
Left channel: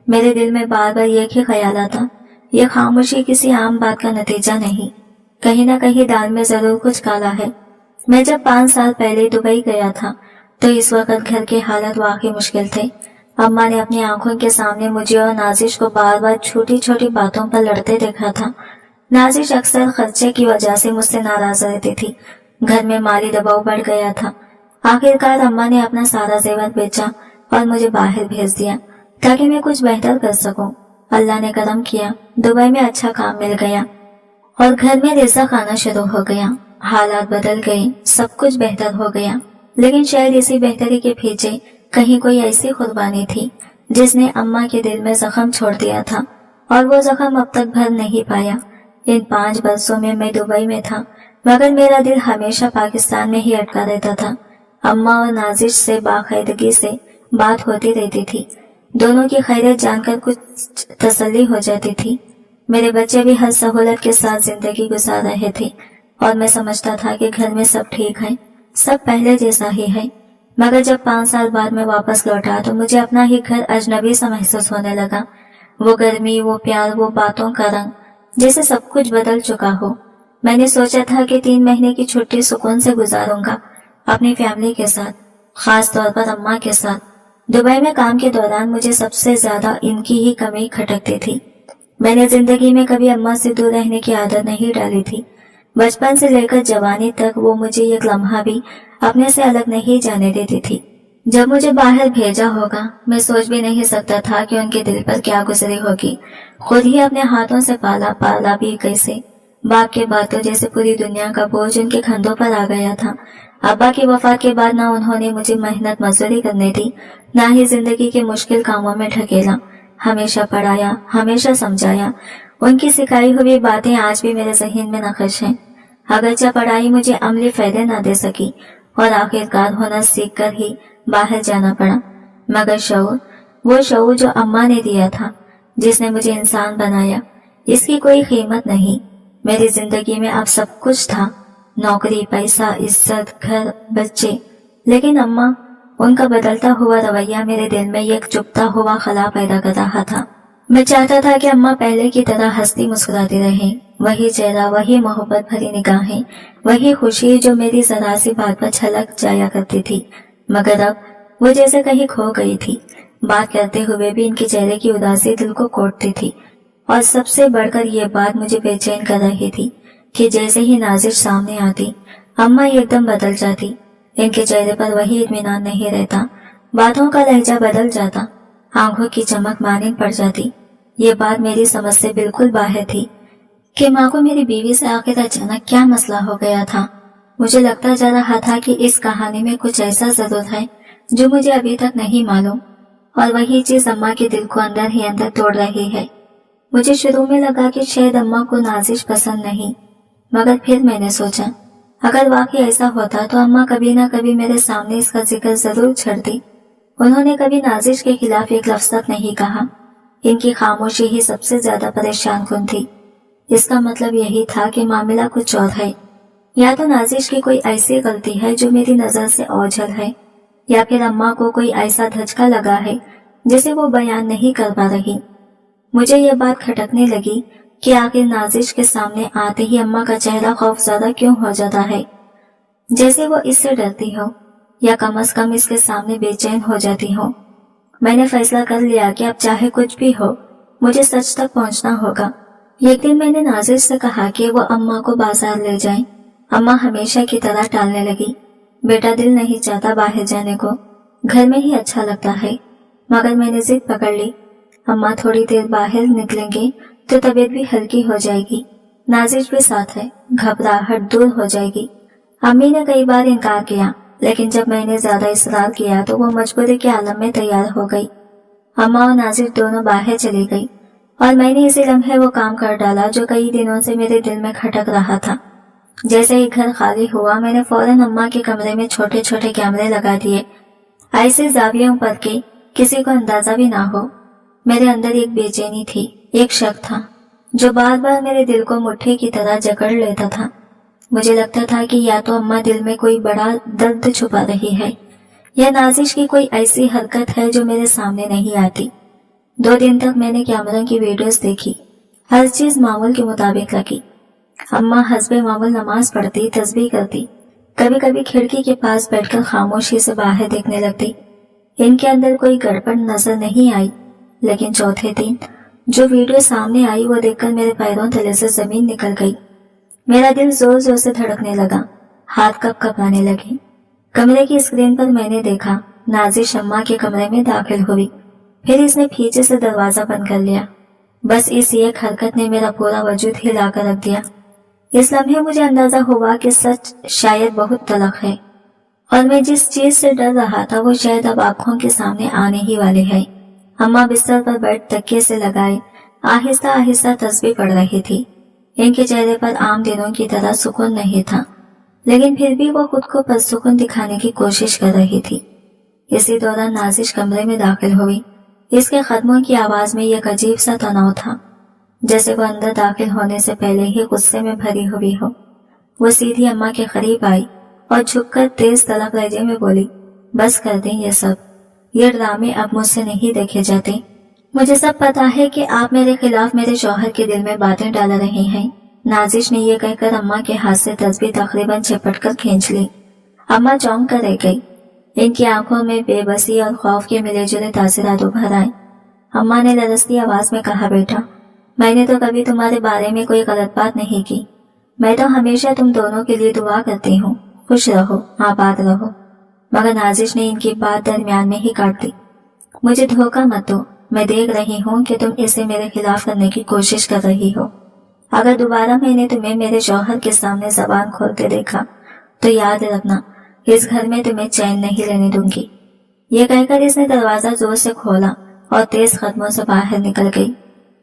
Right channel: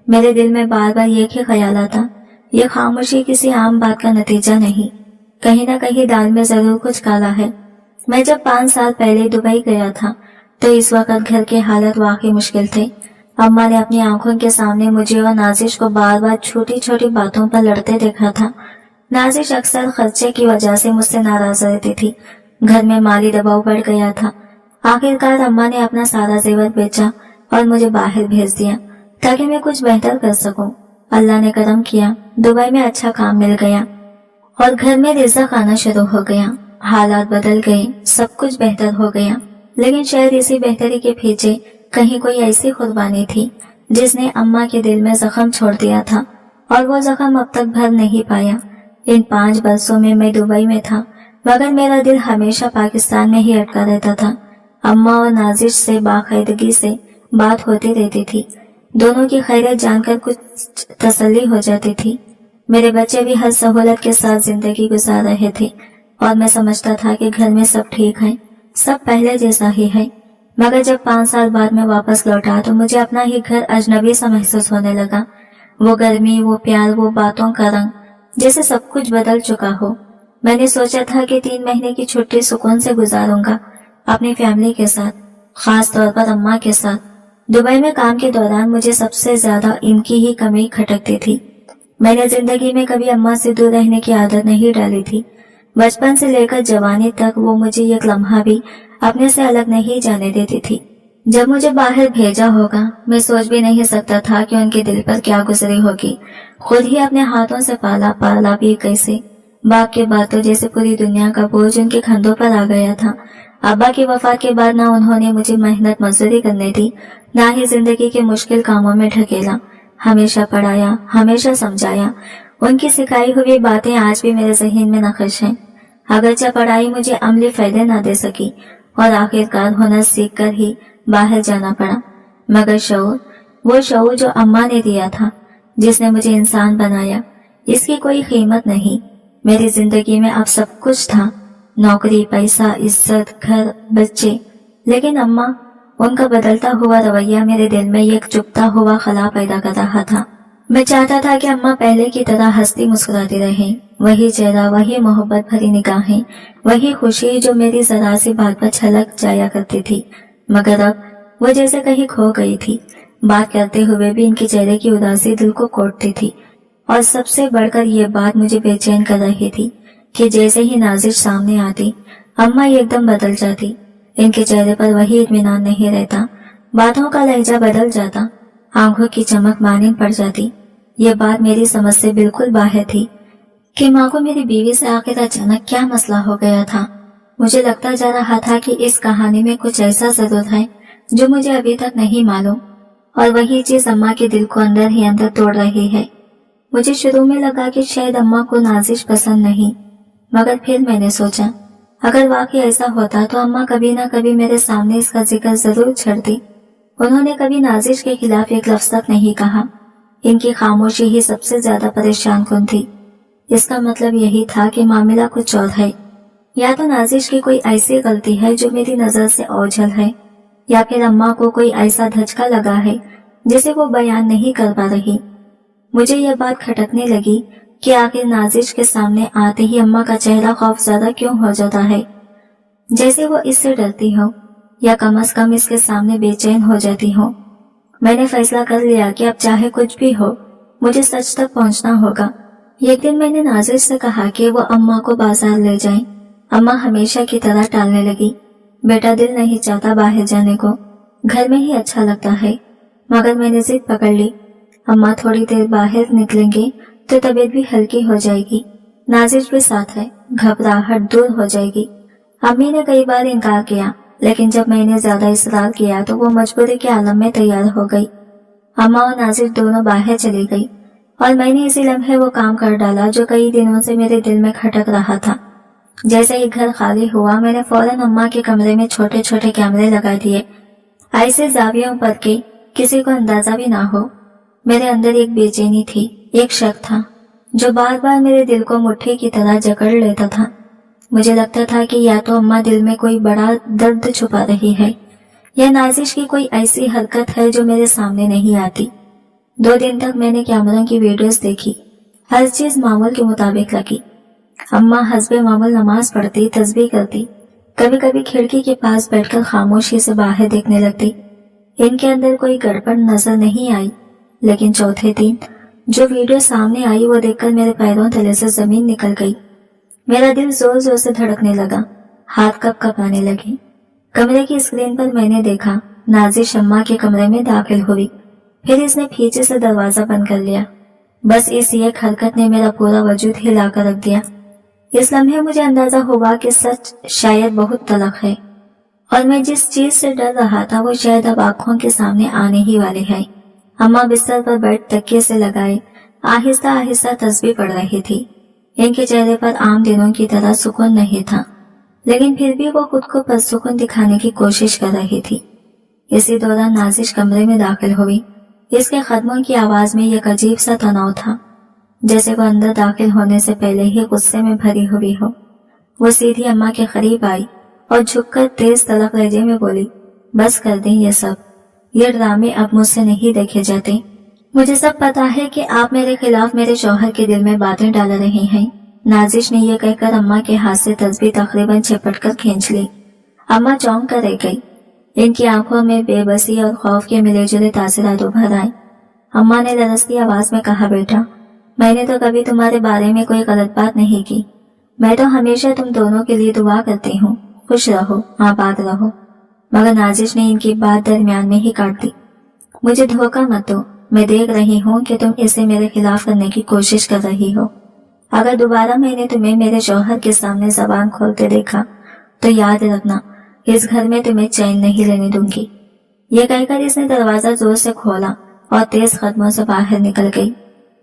मेरे दिल में बार बार एक ही ख्याल आता, यह खामोशी किसी आम बात का नतीजा नहीं, कहीं ना कहीं दाल में जरूर कुछ काला है। मैं जब 5 साल पहले दुबई गया था तो इस वक्त घर के हालत वाकई मुश्किल थे। अम्मा ने अपनी आंखों के सामने मुझे और नाजिश को बार बार छोटी छोटी बातों पर लड़ते देखा था। नाजिश अक्सर खर्चे की वजह से मुझसे नाराज रहती थी। घर में माली दबाव बढ़ गया था। आखिरकार अम्मा ने अपना सारा जेवर बेचा और मुझे बाहर भेज दिया ताकि मैं कुछ बेहतर कर सकूं। अल्लाह ने करम किया, दुबई में अच्छा काम मिल गया और घर में रिज़्क़ आना शुरू हो गया। हालात बदल गए, सब कुछ बेहतर हो गया, लेकिन शायद इसी बेहतरी के पीछे कहीं कोई ऐसी कुर्बानी थी जिसने अम्मा के दिल में जख्म छोड़ दिया था और वो जख्म अब तक भर नहीं पाया। इन 5 बरसों में मैं दुबई में था, मगर मेरा दिल हमेशा पाकिस्तान में ही अटका रहता था। अम्मा और नाजिश से बाकायदगी से बात होती रहती थी। दोनों की खैरियत जानकर कुछ तसल्ली हो जाती थी। मेरे बच्चे भी हर सहूलत के साथ जिंदगी गुजार रहे थे और मैं समझता था कि घर में सब ठीक है, सब पहले जैसा ही है। मगर जब 5 साल बाद मैं वापस लौटा तो मुझे अपना ही घर अजनबी सा महसूस होने लगा। वो गर्मी, वो प्यार, वो बातों का रंग, जैसे सब कुछ बदल चुका हो। मैंने सोचा था कि 3 महीने की छुट्टी सुकून से गुजारूंगा अपनी फैमिली के साथ, खास तौर पर अम्मा के साथ। दुबई में काम के दौरान मुझे सबसे ज्यादा इनकी ही कमी खटकती थी। मैंने जिंदगी में कभी अम्मा से दूर रहने की आदत नहीं डाली थी। बचपन से लेकर जवानी तक वो मुझे एक लम्हा भी अपने से अलग नहीं जाने देती थी। जब मुझे बाहर भेजा होगा, मैं सोच भी नहीं सकता था कि उनके दिल पर क्या गुजरी होगी। खुद ही अपने हाथों से पाला भी कैसे। बाप के बाद तो जैसे पूरी दुनिया का बोझ उनके कंधों पर आ गया था। अब्बा की वफात के बाद ना उन्होंने मुझे मेहनत मजदूरी करने दी, ना ही जिंदगी के मुश्किल कामों में ढकेला। हमेशा पढ़ाया, हमेशा समझाया। उनकी सिखाई हुई बातें आज भी मेरे ज़हन में नक्श हैं। अगरचे पढ़ाई मुझे अमली फायदे न दे सकी और आखिरकार हुनर सीख कर ही बाहर जाना पड़ा, मगर शऊर, वो शऊर जो अम्मा ने दिया था, जिसने मुझे इंसान बनाया, इसकी कोई कीमत नहीं। मेरी जिंदगी में अब सब कुछ था, नौकरी, पैसा, इज्जत, घर, बच्चे, लेकिन अम्मा, उनका बदलता हुआ रवैया मेरे दिल में एक चुभता हुआ खला पैदा कर रहा था। मैं चाहता था कि अम्मा पहले की तरह हंसती मुस्कुराती रहे, वही चेहरा, वही मोहब्बत भरी निगाहें, वही खुशी जो मेरी जरा सी बात पर छलक जाया करती थी, मगर अब वो जैसे कहीं खो गई थी। बात करते हुए भी इनके चेहरे की उदासी दिल को कोटती थी, और सबसे बढ़कर ये बात मुझे बेचैन कर रही थी कि जैसे ही नाजिश सामने आती, अम्मा एकदम बदल जाती। इनके चेहरे पर वही इत्मीनान नहीं रहता, बातों का लहजा बदल जाता, आंखों की चमक मानिंद पड़ जाती। ये बात मेरी समझ से बिल्कुल बाहर थी कि माँ को मेरी बीवी से आखिर अचानक क्या मसला हो गया था। मुझे लगता जा रहा था कि इस कहानी में कुछ ऐसा जरूर है जो मुझे अभी तक नहीं मालूम, और वही चीज अम्मा के दिल को अंदर ही अंदर तोड़ रही है। मुझे शुरू में लगा कि शायद अम्मा को नाजिश पसंद नहीं, मगर फिर मैंने सोचा, अगर वाकई ऐसा होता तो अम्मा कभी ना कभी मेरे सामने इसका जिक्र जरूर छेड़ती। उन्होंने कभी नाजिश के खिलाफ एक लफ्ज तक नहीं कहा। इनकी खामोशी ही सबसे ज्यादा परेशान कुन थी। इसका मतलब यही था कि मामला कुछ और है। या तो नाजिश की कोई ऐसी गलती है जो मेरी नजर से ओझल है, या फिर अम्मा को कोई ऐसा धचका लगा है जिसे वो बयान नहीं कर पा रही। मुझे ये बात खटकने लगी कि आखिर नाजिश के सामने आते ही अम्मा का चेहरा खौफजदा क्यों हो जाता है, जैसे वो इससे डरती हो, या कम से कम इसके सामने बेचैन हो जाती हो। मैंने फैसला कर लिया कि अब चाहे कुछ भी हो, मुझे सच तक पहुंचना होगा। एक दिन मैंने नाजिश से कहा कि वो अम्मा को बाजार ले जाएं। अम्मा हमेशा की तरह टालने लगी। बेटा, दिल नहीं चाहता बाहर जाने को, घर में ही अच्छा लगता है। मगर मैंने जिद पकड़ ली, अम्मा थोड़ी देर बाहर निकलेंगे तो तबीयत भी हल्की हो जाएगी, नाजिश भी साथ है, घबराहट दूर हो जाएगी। अम्मी ने कई बार इनकार किया, लेकिन जब मैंने ज्यादा इसरार किया तो वो मजबूरी के आलम में तैयार हो गई। अम्मा और नाजिश दोनों बाहर चली गई, और मैंने इसी लम्हे वो काम कर डाला जो कई दिनों से मेरे दिल में खटक रहा था। जैसे ही घर खाली हुआ, मैंने फौरन अम्मा के कमरे में छोटे छोटे कैमरे लगा दिए, ऐसे जावियों पर के किसी को अंदाजा भी ना हो। मेरे अंदर एक बेचैनी थी, एक शक था जो बार बार मेरे दिल को मुट्ठी की तरह जकड़ लेता था। मुझे लगता था कि या तो अम्मा दिल में कोई बड़ा दर्द छुपा रही है, या नाजिश की कोई ऐसी हरकत है जो मेरे सामने नहीं आती। 2 दिन तक मैंने कैमरों की वीडियोस देखी, हर चीज मामूल के मुताबिक लगी। अम्मा हस्बे मामूल नमाज पढ़ती, तस्बीह करती, कभी कभी खिड़की के पास बैठकर खामोशी से बाहर देखने लगती। इनके अंदर कोई गड़बड़ नजर नहीं आई, लेकिन चौथे दिन जो वीडियो सामने आई वो देखकर मेरे पैरों तले से जमीन निकल गई। मेरा दिल जोर जोर से धड़कने लगा, हाथ कंपने लगे। कमरे की स्क्रीन पर मैंने देखा, नाजिश अम्मा के कमरे में दाखिल हुई, फिर इसने पीछे से दरवाजा बंद कर लिया। बस इस एक हरकत ने मेरा पूरा वजूद हिला कर रख दिया। इस लम्हे मुझे अंदाजा हुआ कि सच शायद बहुत तलख है, और मैं जिस चीज से डर रहा था वो शायद अब आंखों के सामने आने ही वाले है। अम्मा बिस्तर पर बैठ तकिए से लगाए आहिस्ता आहिस्ता तस्बीह पढ़ रही थी। इनके चेहरे पर आम दिनों की तरह सुकून नहीं था, लेकिन फिर भी वो खुद को पुरसुकून दिखाने की कोशिश कर रही थी। इसी दौरान नाजिश कमरे में दाखिल हुई। इसके कदमों की आवाज में एक अजीब सा तनाव था, जैसे वो अंदर दाखिल होने से पहले ही गुस्से में भरी हुई हो। वो सीधी अम्मा के करीब आई और झुककर तेज तलख लहजे में बोली, बस कर दें ये सब, ये ड्रामे अब मुझसे नहीं देखे जाते। मुझे सब पता है कि आप मेरे खिलाफ मेरे शौहर के दिल में बातें डाल रहे हैं। नाजिश ने यह कहकर अम्मा के हाथ से तस्बीह तकरीबन झपटकर खींच ली। अम्मा चौंक कर रह गई। इनकी आंखों में बेबसी और खौफ के मिले जुले तासरात उभर आए। अम्मा ने लरसती आवाज में कहा, बेटा, मैंने तो कभी तुम्हारे बारे में कोई गलत बात नहीं की। मैं तो हमेशा तुम दोनों के लिए दुआ करती हूँ, खुश रहो, आबाद रहो। मगर नाजिश ने इनकी बात दरमियान में ही काट दी। मुझे धोखा मत दो, मैं देख रही हूँ कि तुम इसे मेरे खिलाफ करने की कोशिश कर रही हो। अगर दोबारा मैंने तुम्हें मेरे शौहर के सामने जबान खोलते देखा तो याद रखना, इस घर में तुम्हें चैन नहीं लेने दूंगी। ये कहकर इसने दरवाजा जोर से खोला और तेज कदमों से बाहर निकल गई।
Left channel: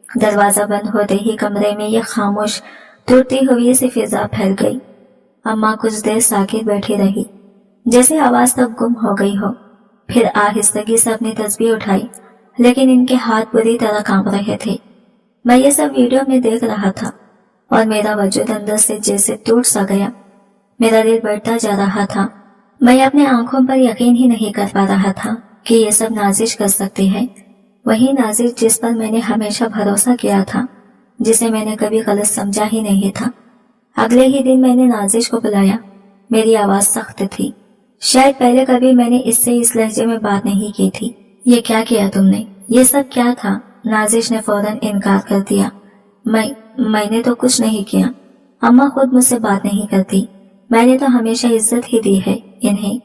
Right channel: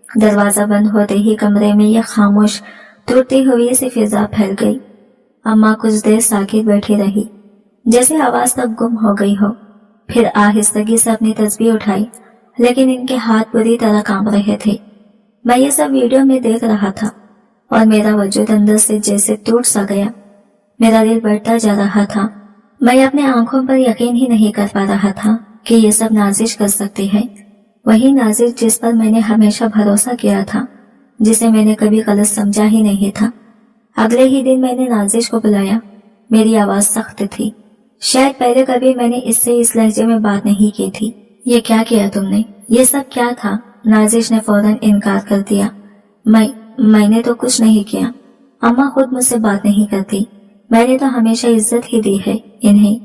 दरवाजा बंद होते ही कमरे में ये खामोश टूटती हुई सी फिजा फैल गई। अम्मा कुछ देर साकित बैठी रही, जैसे आवाज तब गुम हो गई हो। फिर आहिस्तगी से अपनी तस्बीह उठाई, लेकिन इनके हाथ बुरी तरह कांप रहे थे। मैं ये सब वीडियो में देख रहा था और मेरा वजूद अंदर से जैसे टूट सा गया। मेरा दिल बढ़ता जा रहा था। मैं अपने आंखों पर यकीन ही नहीं कर पा रहा था कि ये सब नाजिश कर सकती है। वही नाजिश जिस पर मैंने हमेशा भरोसा किया था, जिसे मैंने कभी गलत समझा ही नहीं था। अगले ही दिन मैंने नाजिश को बुलाया। मेरी आवाज सख्त थी। शायद पहले कभी मैंने इससे इस लहजे में बात नहीं की थी। ये क्या किया तुमने? ये सब क्या था? नाजिश ने फौरन इनकार कर दिया। मैंने तो कुछ नहीं किया। अम्मा खुद मुझसे बात नहीं करती। मैंने तो हमेशा इज्जत ही दी है इन्हें।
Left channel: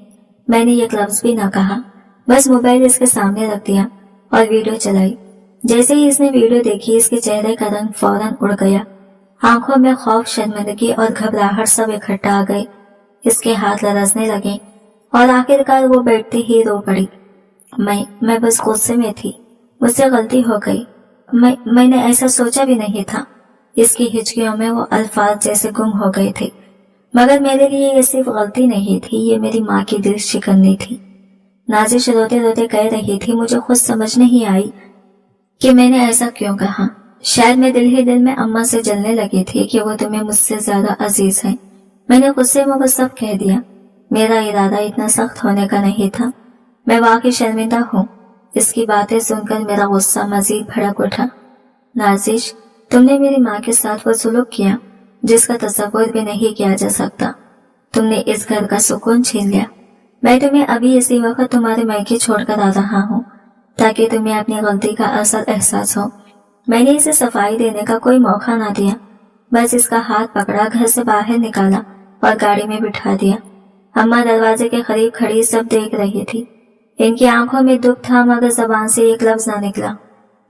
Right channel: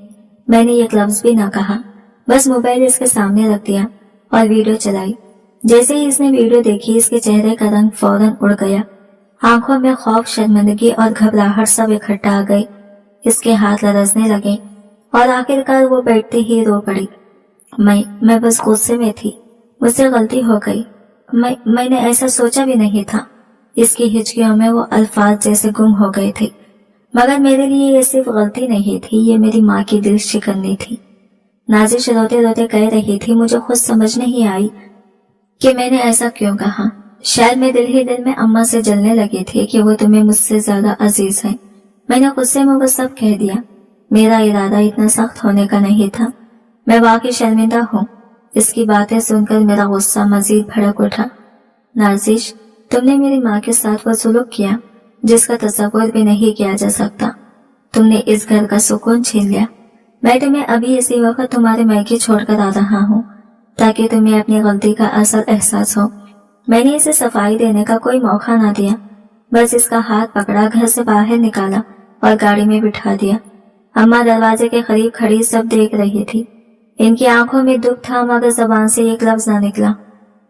मैंने एक लफ्ज भी ना कहा, बस मोबाइल इसके सामने रख दिया और वीडियो चलाई। जैसे ही इसने वीडियो देखी, इसके चेहरे का रंग फौरन उड़ गया। आंखों में खौफ, शर्मिंदगी और घबराहट सब इकट्ठा आ गए। इसके हाथ लरजने लगे और आखिरकार वो बैठते ही रो पड़ी। मैं बस गुस्से में थी। मुझसे गलती हो गई। मैंने ऐसा सोचा भी नहीं था। इसकी हिचकियों में वो अल्फाज जैसे गुम हो गए थे। मगर मेरे लिए ये सिर्फ गलती नहीं थी, ये मेरी माँ की दिल शिकन्नी थी। नाजिश रोते रोते कह रही थी, मुझे खुद समझ नहीं आई कि मैंने ऐसा क्यों कहा। शायद मैं दिल ही दिल में अम्मा से जलने लगी थी कि वो तुम्हें मुझसे ज्यादा अजीज है। मैंने गुस्से में वो सब कह दिया। मेरा इरादा इतना सख्त होने का नहीं था। मैं वाकई शर्मिंदा हूँ। इसकी बातें सुनकर मेरा गुस्सा मजीद भड़क उठा। नाजिश, तुमने मेरी माँ के साथ वो सुलूक किया जिसका तसव्वुर भी नहीं किया जा सकता। तुमने इस घर का सुकून छीन लिया। मैं तुम्हें अभी इसी वक्त तुम्हारे मायके छोड़कर आ रहा हूँ ताकि तुम्हें अपनी गलती का असल एहसास हो। मैंने इसे सफाई देने का कोई मौका ना दिया। बस इसका हाथ पकड़ा, घर से बाहर निकाला और गाड़ी में बिठा दिया। अम्मा दरवाजे के करीब खड़ी सब देख रही थी। इनकी आंखों में दुख था, मगर जबान से एक लफ्ज ना निकला।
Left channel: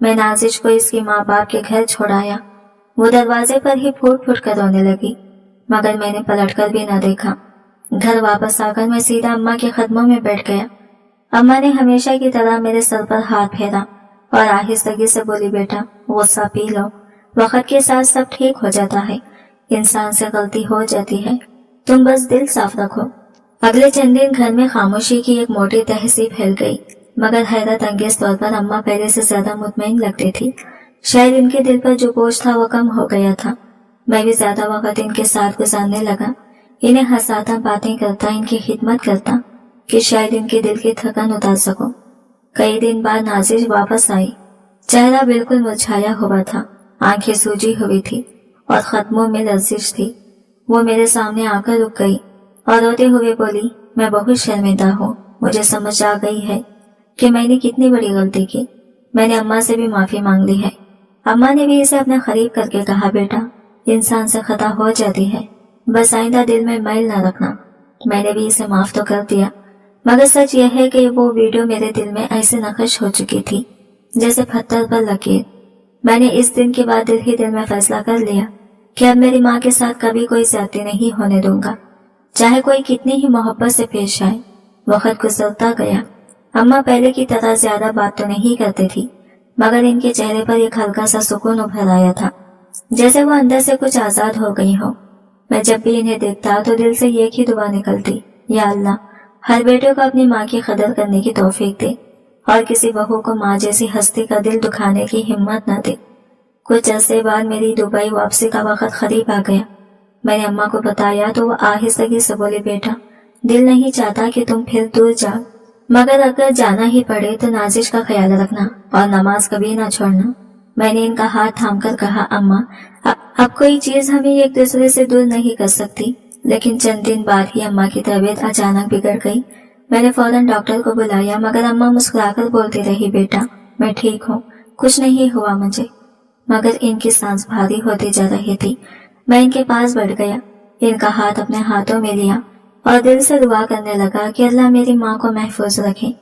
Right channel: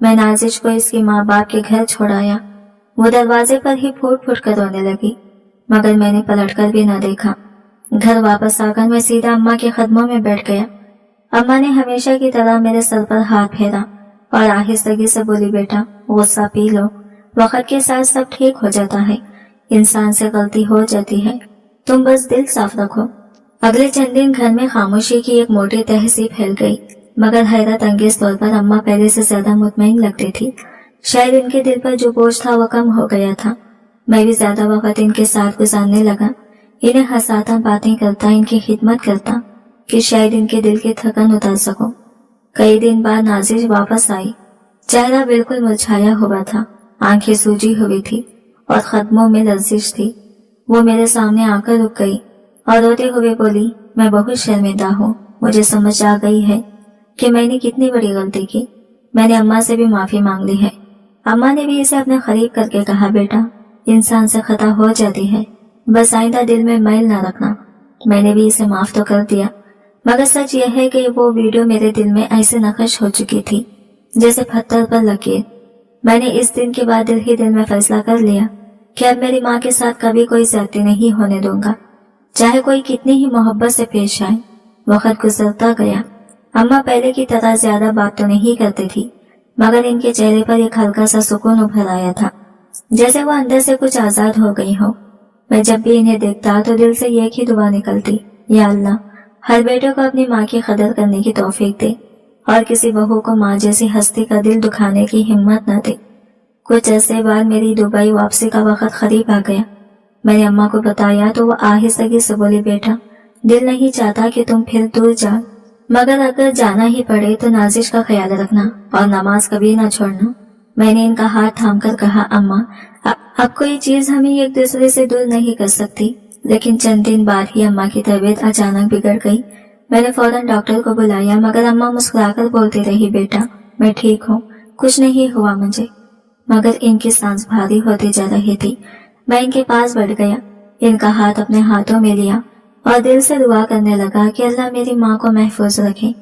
मैं नाजिश को इसके माँ बाप के घर छोड़ाया। वो दरवाजे पर ही फूट फूट कर रोने लगी, मगर मैंने पलटकर भी ना देखा। घर वापस आकर मैं सीधा अम्मा के कदमों में बैठ गया। अम्मा ने हमेशा की तरह मेरे सर पर हाथ फेरा और आहिस्तगी से बोली, बेटा गुस्सा पी लो, वक्त के साथ सब ठीक हो जाता है। इंसान से गलती हो जाती है, तुम बस दिल साफ रखो। अगले चंद दिन घर में खामोशी की एक मोटी तहसीब फैल गई, मगर हैरत अंगेज तौर पर अम्मा पहले से ज्यादा मुतमईन लगती थी। शायद इनके दिल पर जो बोझ था वो कम हो गया था। मैं भी ज्यादा वक्त इनके साथ गुजारने लगा। इन्हें हंसाता, बातें करता, इनकी खिदमत करता कि शायद इनके दिल की थकन उतार सकूं। कई दिन बाद नाजिश वापस आई। चेहरा बिल्कुल मुरझाया हुआ था, आंखें सूजी हुई थी और कदमों में लर्जिश थी। वो मेरे सामने आकर रुक गई और रोते हुए बोली, मैं बहुत शर्मिंदा हूँ। मुझे समझ आ गई है कि मैंने कितनी बड़ी गलती की। मैंने अम्मा से भी माफी मांग ली है। अम्मा ने भी इसे अपने करीब करके कहा, बेटा इंसान से खता हो जाती है, बस आइंदा दिल में मैल न रखना। मैंने भी इसे माफ तो कर दिया, मगर सच यह है कि वो वीडियो मेरे दिल में ऐसे नक्श हो चुकी थी जैसे पत्थर पर लकीर। मैंने इस दिन के बाद दिल ही दिल में फैसला कर लिया कि अब मेरी माँ के साथ कभी कोई ज्यादती नहीं होने दूंगा, चाहे कोई कितनी ही मोहब्बत से पेश आए। वक्त गुजरता गया। अम्मा पहले की तरह ज्यादा बात तो नहीं करती थी, मगर इनके चेहरे पर एक हल्का सा सुकून उभर आया था, जैसे वो अंदर से कुछ आजाद हो गई हो। मैं जब भी इन्हें देखता तो दिल से एक ही दुआ निकलती, या अल्लाह हर बेटे को अपनी माँ की कदर करने की तौफीक दे और किसी बहू को माँ जैसी हस्ती का दिल दुखाने की हिम्मत न दे। कुछ अरसे बाद मेरी दुबई वापसी का वक्त करीब आ गया। मैंने अम्मा को बताया तो वो आहिस्तगी से बोली, बेटा दिल नहीं चाहता कि तुम फिर दूर जाओ, मगर अगर जाना ही पड़े तो नाजिश का ख्याल रखना और नमाज कभी ना छोड़ना। मैंने इनका हाथ थामकर कहा, अम्मा अब कोई चीज हमें एक दूसरे से दूर नहीं कर सकती। लेकिन चंद दिन बाद ही अम्मा की तबीयत अचानक बिगड़ गई। मैंने फौरन डॉक्टर को बुलाया, मगर अम्मा मुस्कुराकर बोलती रही, बेटा मैं ठीक हूँ, कुछ नहीं हुआ मुझे। मगर इनकी सांस भारी होती जा रही थी। मैं इनके पास बैठ गया, इनका हाथ अपने हाथों में लिया और दिल से दुआ करने लगा कि अल्लाह मेरी माँ को महफूज रखे।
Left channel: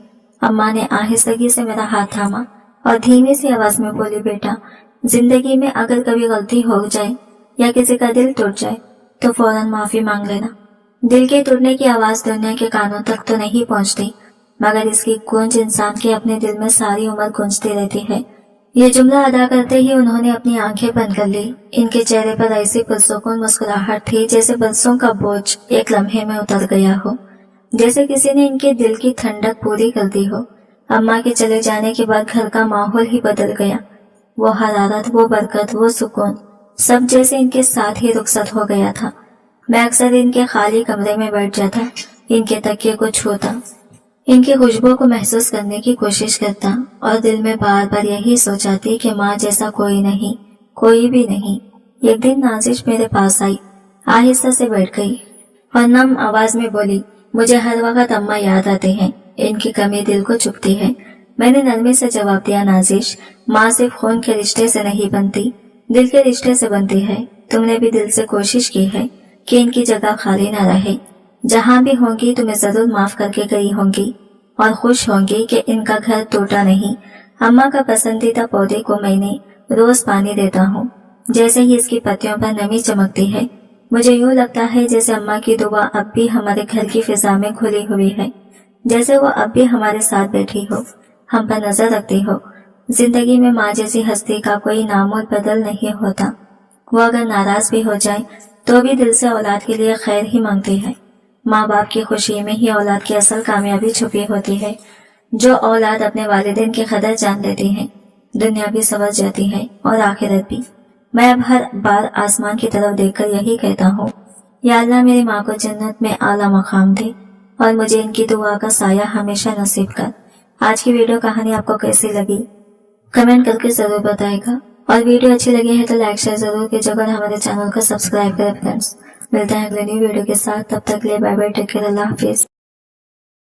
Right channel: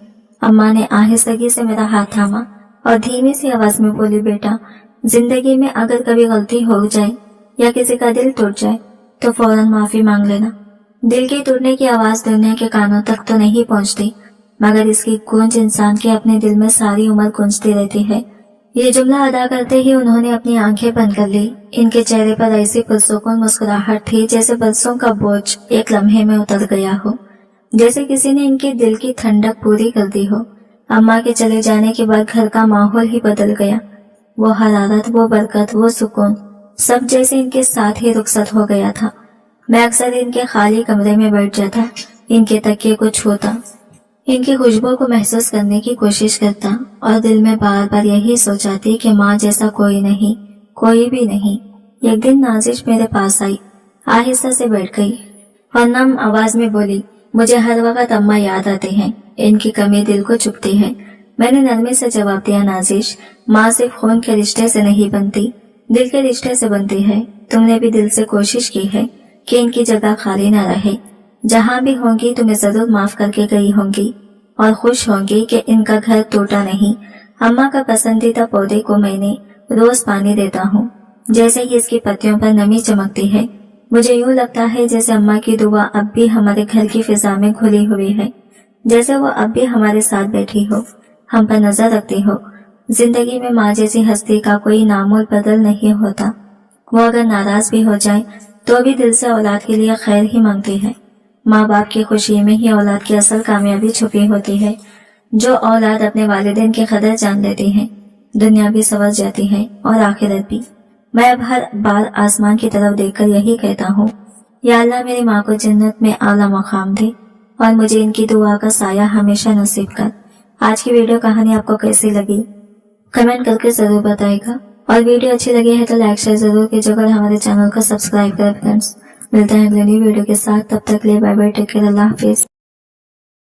अम्मा ने आहिस्तगी से मेरा हाथ थामा और धीमी सी आवाज में बोली, बेटा जिंदगी में अगर कभी गलती हो जाए या किसी का दिल टूट जाए तो फौरन माफी मांग लेना। दिल के टूटने की आवाज दुनिया के कानों तक तो नहीं पहुंचती, मगर इसकी गूंज इंसान के अपने दिल में सारी उम्र गूंजती रहती है। ये जुमला अदा करते ही उन्होंने अपनी आंखें बंद कर ली। इनके चेहरे पर ऐसी पुरसुकून मुस्कुराहट थी जैसे बरसों का बोझ एक लम्हे में उतर गया हो, जैसे किसी ने इनके दिल की ठंडक पूरी कर दी हो। अम्मा के चले जाने के बाद घर का माहौल ही बदल गया। वो हरारत, वो बरकत, वो सुकून सब जैसे इनके साथ ही रुखसत हो गया था। मैं अक्सर इनके खाली कमरे में बैठ जाता, इनके तकिए को छूता, इनकी खुशबू को महसूस करने की कोशिश करता और दिल में बार बार यही सोचाती कि माँ जैसा कोई नहीं, कोई भी नहीं। एक दिन नाजिश मेरे पास आई, आहिस्ता से बैठ गई और नम आवाज में बोली, मुझे हर वक्त अम्मा याद आते हैं, इनकी कमी दिल को चुभती है। मैंने नरमी से जवाब दिया, नाजिश, माँ सिर्फ खून के रिश्ते से नहीं बनती, दिल के रिश्ते से बनती है। तुमने भी दिल से कोशिश की है कि इनकी जगह खाली न रहे। जहाँ भी होंगी तुम्हें जरूर माफ करके गई होंगी और खुश होंगी कि इनका घर टूटा नहीं। अम्मा का पसंदीदा पौधे को मैंने रोज पानी देता हूँ। जैसे ही इसकी पत्तियों पर नमी चमकती है, मुझे यूँ लगता है जैसे अम्मा की दुआ अब भी हमारे घर की फिजा में घुली हुई है, जैसे वो अब भी हमारे साथ बैठी हो, हम पर नजर रखती हो। जिंदगी में माँ जैसी हस्ती का कोई नामोल बदल नहीं होता। वो अगर नाराज भी हो जाए तो भी दिल से औलाद के लिए खैर ही मांगती है। माँ बाप की खुशी में ही औलाद की असल कामयाबी छुपी होती है। जो औलाद अपने वालिदैन की कदर जान लेती है, दुनिया भी संवर जाती है और आखिरत भी। मैं अब हर बार आसमान की तरफ देखकर यही कहता हूँ, या अल्लाह मेरी माँ को जन्नत में आला मकाम दे और मुझे इनकी दुआ का साया हमेशा नसीब कर। आज की वीडियो कहानी आपको कैसी लगी कमेंट करके जरूर बताएगा, और वीडियो अच्छी लगी है तो लाइक शेयर जरूर कीजिएगा और हमारे चैनल को सब्सक्राइब करें फ्रेंड्स। मिलते हैं अगले न्यू वीडियो के साथ, तब तक के लिए बाय बाय, टेक केयर, अल्लाह हाफिज।